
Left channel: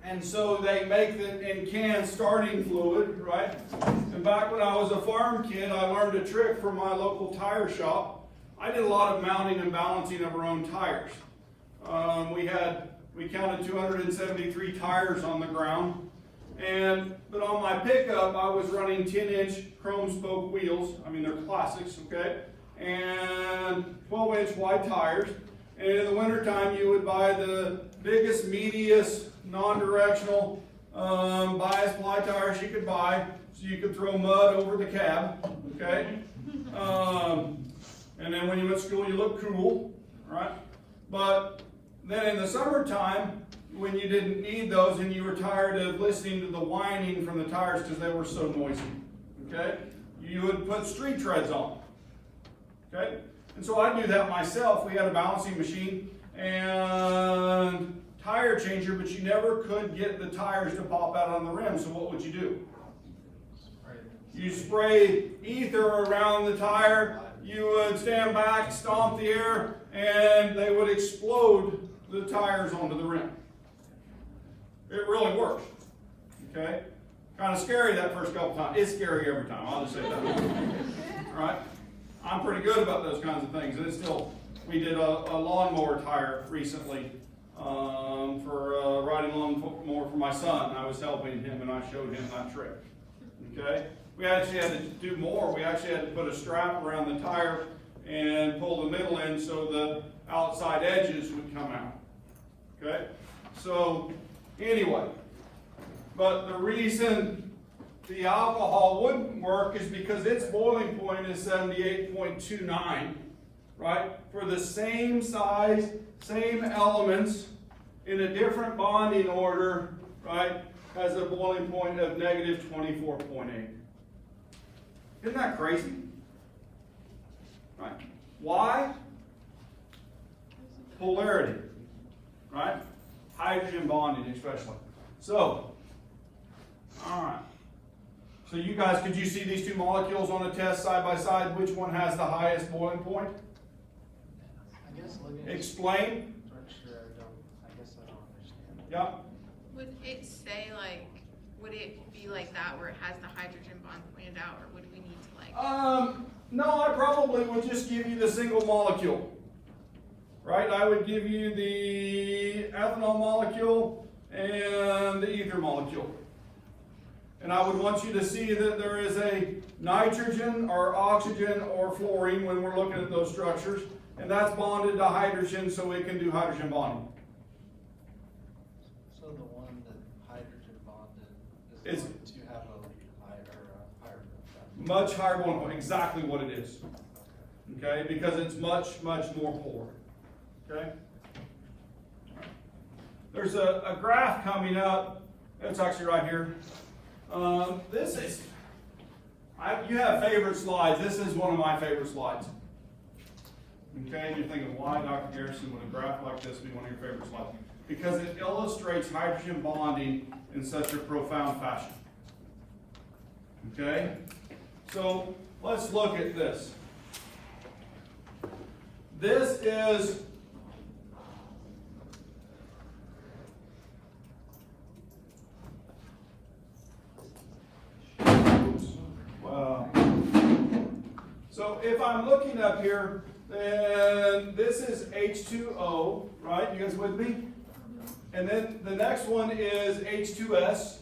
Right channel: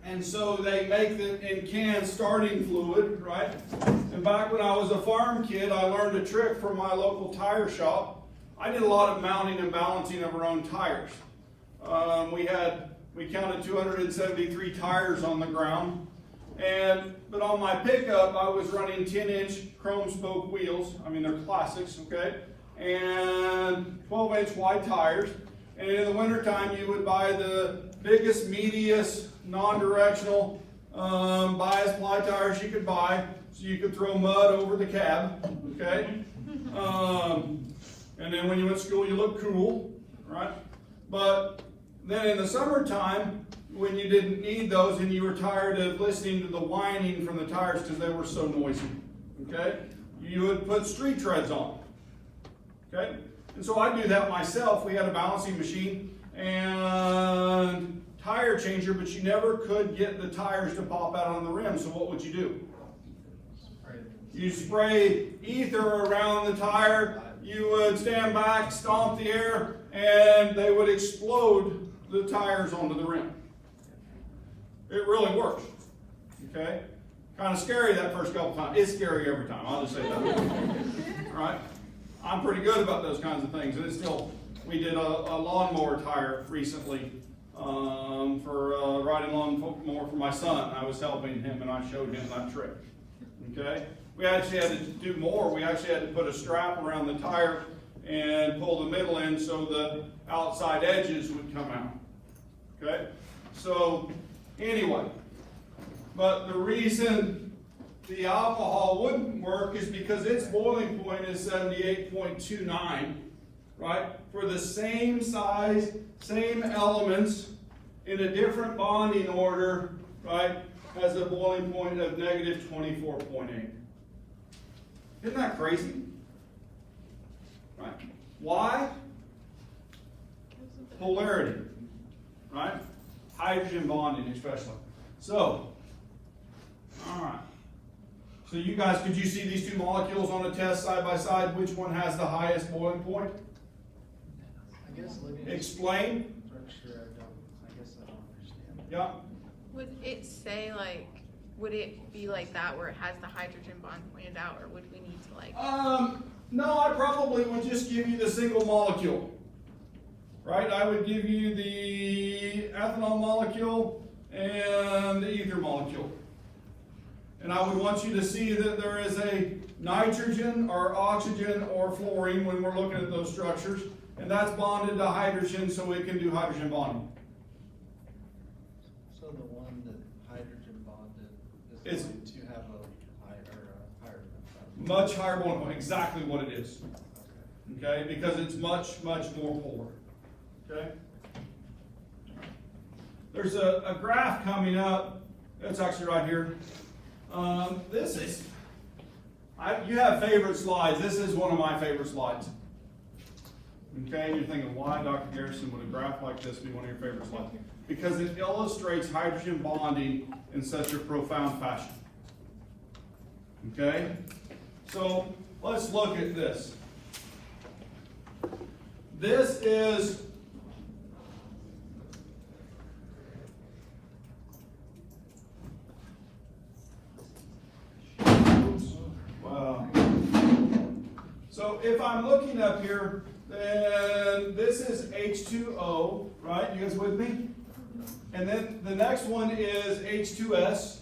And so they make it in canned starting fluid, right? And back when I was a farm kid, I learned a trick from my local tire shop. I did a lot of mounting and balancing of our own tires. We counted 273 tires on the ground, but on my pickup I was running 10-inch chrome spoke wheels. I mean, they're classics, okay, and 12-inch wide tires. And in the wintertime you would buy the biggest, meatiest, non-directional bias ply tires you could buy, so you could throw mud over the cab, okay? And then when you went to school, you looked cool, right? But then in the summertime, when you didn't need those and you were tired of listening to the whining from the tires because they were so noisy, okay? You would put street treads on, okay? And so I do that myself. We had a balancing machine and tire changer, but you never could get the tires to pop out on the rim. So what would you do? You spray ether around the tire. You would stand back, stomp the air, and they would explode the tires onto the rim. It really works, okay? Kind of scary that first couple times. It's scary every time, I'll just say that. Right? I'm pretty good about those kinds of things, and it's still, we did a lawnmower tire recently for riding lawnmower for my son. I was helping him, and I showed him that trick, okay? We actually had to do more. We actually had to put a strap around the tire and pull the middle in so the outside edges would come out. Okay? So, anyway, but the reason the alcohol wouldn't work is because its boiling point is 78.29, right? For the same size, same elements, in a different bonding order, right, has a boiling point of negative 24.8. Isn't that crazy? Right? Why? Polarity, right? Hydrogen bonding especially. So, all right. So you guys, could you see these two molecules on the test side by side? Which one has the highest boiling point? I guess looking at Explain. the structure, I guess I don't understand. Yeah. Would it say like, would it be like that where it has the hydrogen bond pointed out, or would we need to like? No, I probably would just give you the single molecule. Right? I would give you the ethanol molecule and the ether molecule. And I would want you to see that there is a nitrogen or oxygen or fluorine when we're looking at those structures, and that's bonded to hydrogen so it can do hydrogen bonding. So the one that hydrogen bonded It's- is going to have a higher Much higher boiling point, exactly what it is. Okay? Because it's much, much more polar. Okay? There's a graph coming up. It's actually right here. This is, you have favorite slides. This is one of my favorite slides. Okay, and you're thinking, why, Dr. Garrison, would a graph like this be one of your favorite slides? Because it illustrates hydrogen bonding in such a profound fashion. Okay? So, let's look at this. This is so if I'm looking up here, then this is H2O, right? You guys with me? And then the next one is H2S,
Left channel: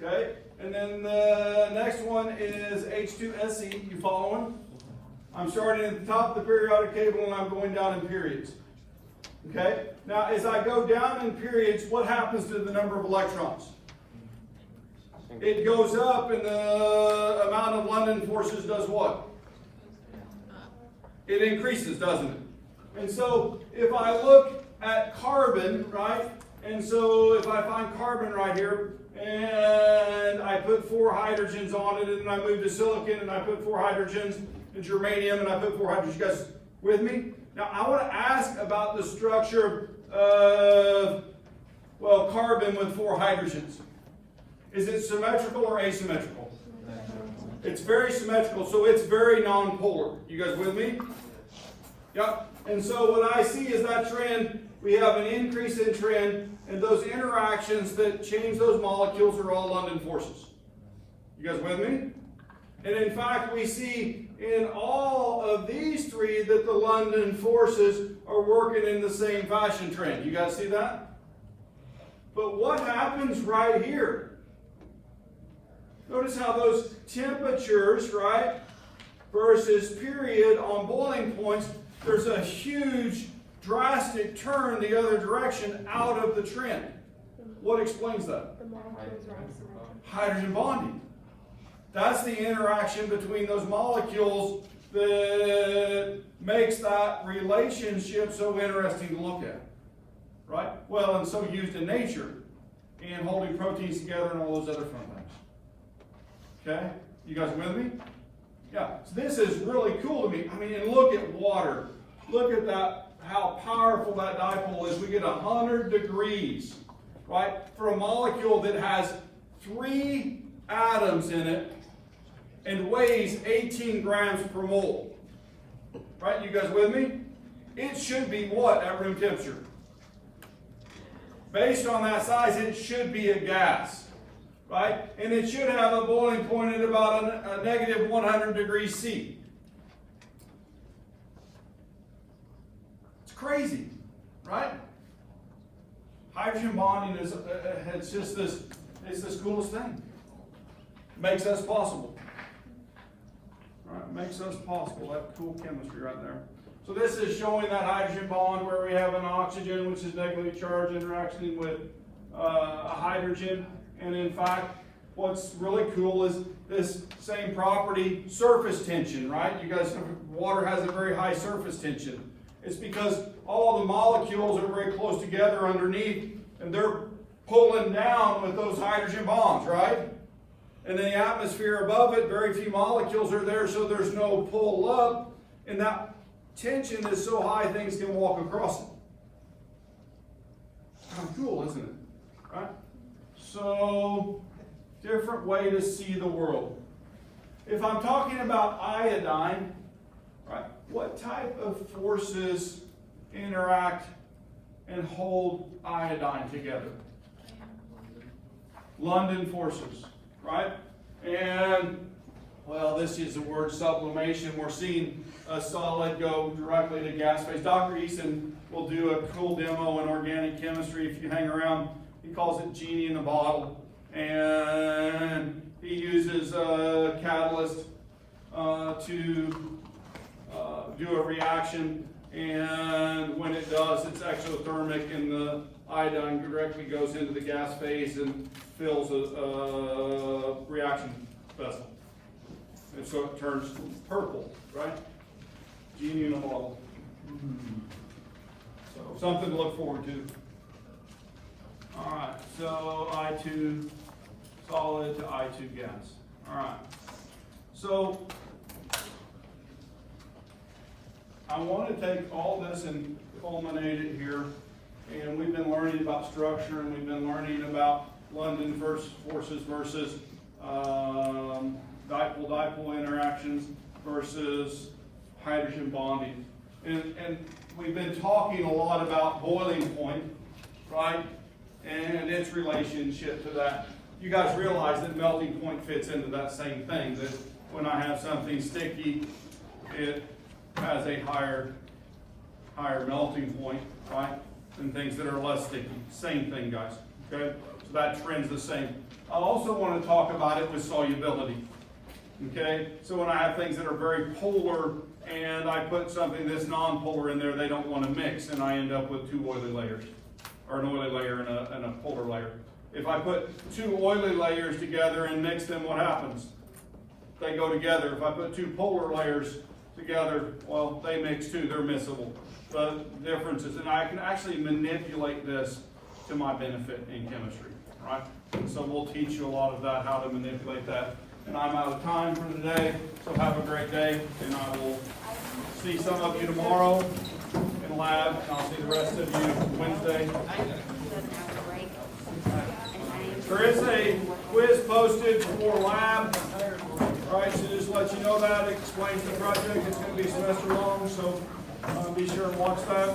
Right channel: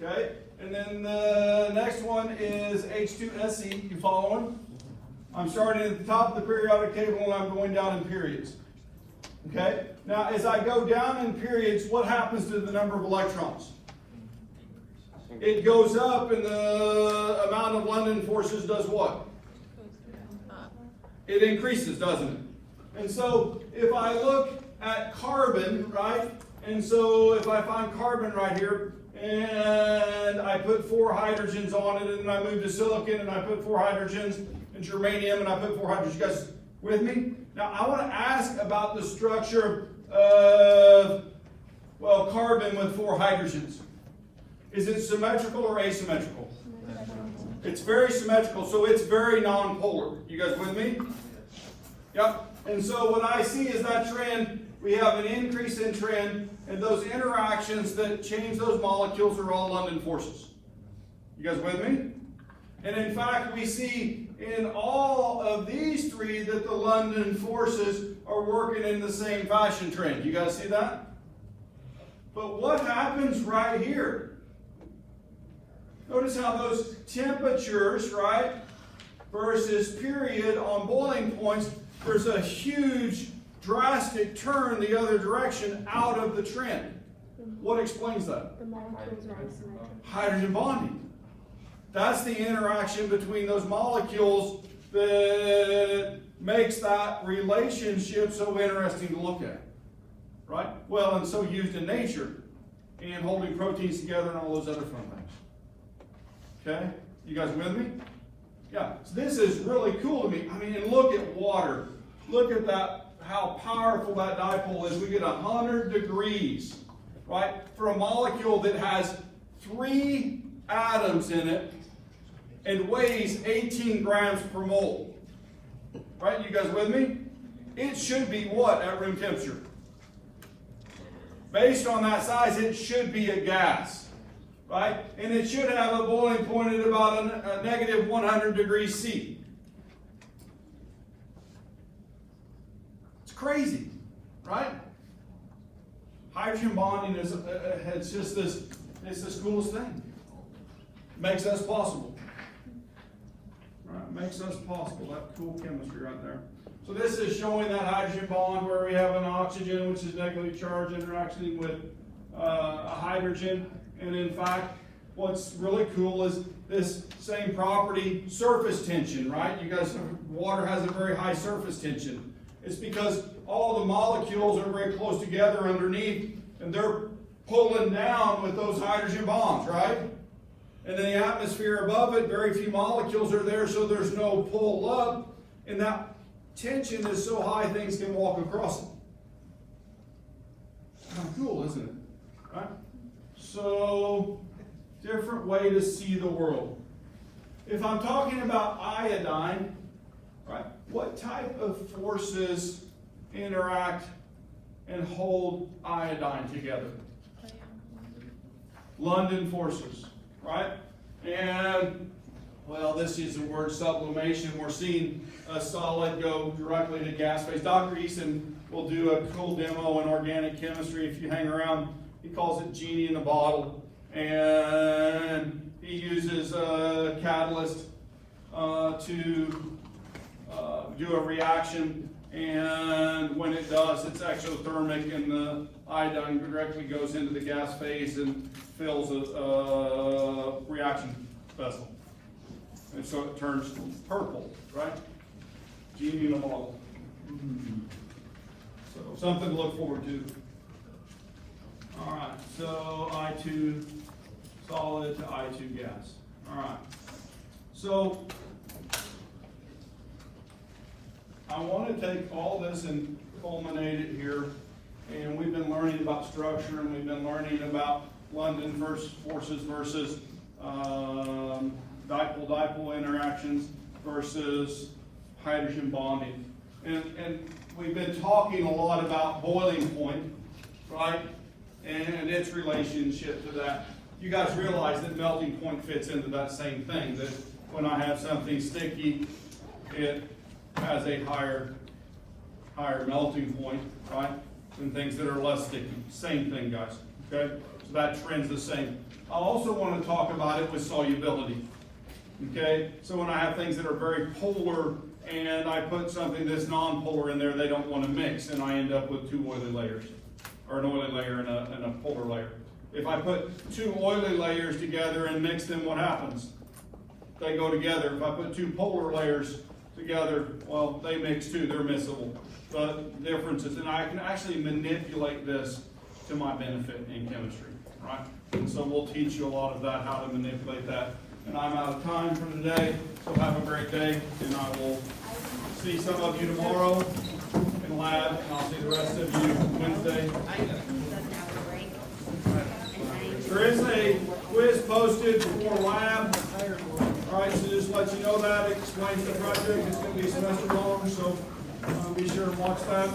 okay? And then the next one is H2SE. You following? I'm starting at the top of the periodic table and I'm going down in periods. Okay? Now, as I go down in periods, what happens to the number of electrons? It goes up, and the amount of London forces does what? It increases, doesn't it? And so, if I look at carbon, right? And so, if I find carbon right here, and I put 4 hydrogens on it, and I move to silicon, and I put 4 hydrogens, and germanium, and I put 4 hydrogens. You guys with me? Now, I want to ask about the structure of, well, carbon with 4 hydrogens. Is it symmetrical or asymmetrical? It's very symmetrical, so it's very non-polar. You guys with me? Yep. And so what I see is that trend, we have an increase in trend, and those interactions that change those molecules are all London forces. You guys with me? And in fact, we see in all of these three that the London forces are working in the same fashion trend. You guys see that? But what happens right here? Notice how those temperatures, right, versus period on boiling points, there's a huge drastic turn the other direction out of the trend. What explains that? The molecules are Hydrogen bonding. That's the interaction between those molecules that makes that relationship so interesting to look at. Right? Well, and so used in nature and holding proteins together and all those other fun things. Okay? You guys with me? Yeah. So this is really cool to me. I mean, and look at water. Look at that, how powerful that dipole is. We get 100 degrees, right? For a molecule that has 3 atoms in it and weighs 18 grams per mole. Right? You guys with me? It should be what at room temperature? Based on that size, it should be a gas. Right? And it should have a boiling point at about a negative 100 degrees C. It's crazy. Right? Hydrogen bonding is it's just this, it's this coolest thing. Makes us possible. All right, makes us possible, that cool chemistry right there. So this is showing that hydrogen bond where we have an oxygen, which is negatively charged, interacting with a hydrogen. And in fact, what's really cool is this same property, surface tension, right? You guys, water has a very high surface tension. It's because all the molecules are very close together underneath, and they're pulling down with those hydrogen bonds, right? And then the atmosphere above it, very few molecules are there, so there's no pull up, and that tension is so high things can walk across it. Kind of cool, isn't it? Right? So, different way to see the world. If I'm talking about iodine, right, what type of forces interact and hold iodine together? London forces, right? And, well, this is the word sublimation. We're seeing a solid go directly to gas phase. Dr. Eason will do a cool demo in organic chemistry if you hang around. He calls it genie in a bottle. And he uses a catalyst to do a reaction. And when it does, it's exothermic, and the iodine directly goes into the gas phase and fills a reaction vessel. And so it turns purple, right? Genie in a bottle. So something to look forward to. All right, so I2 solid to I2 gas. All right, so I want to take all this and culminate it here. And we've been learning about structure, and we've been learning about London forces versus dipole-dipole interactions versus hydrogen bonding. And we've been talking a lot about boiling point, right? And its relationship to that. You guys realize that melting point fits into that same thing, that when I have something sticky, it has a higher melting point, right? Than things that are less sticky. Same thing, guys, okay? So that trend's the same. I also want to talk about it with solubility, okay? So when I have things that are very polar and I put something that's non-polar in there, they don't want to mix, and I end up with 2 oily layers, or an oily layer and a polar layer. If I put 2 oily layers together and mix them, what happens? They go together. If I put 2 polar layers together, well, they mix too, they're miscible. But differences, and I can actually manipulate this to my benefit in chemistry, right? And so we'll teach you a lot of that, how to manipulate that. And I'm out of time for today, so have a great day, and I will see some of you tomorrow in lab, and I'll see the rest of you Wednesday. There is a quiz posted before lab. All right, so just let you know that. It explains the project. It's going to be a semester long, so be sure and watch that.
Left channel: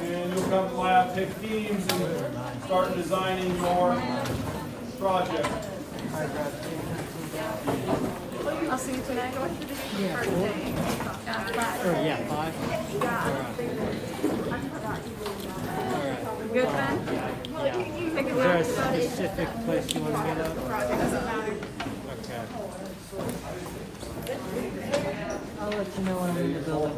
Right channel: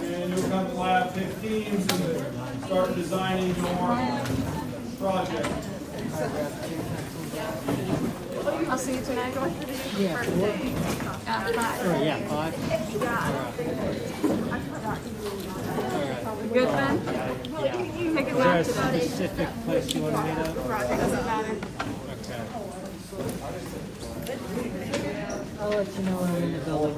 And you'll come to lab, pick themes, and start designing your project. I'll see you tonight. Yeah, 4? Five. Or yeah, 5? Alright. Good time? Yeah. Is there a specific place you want to meet up? Okay. I'll let you know when I'm in the building.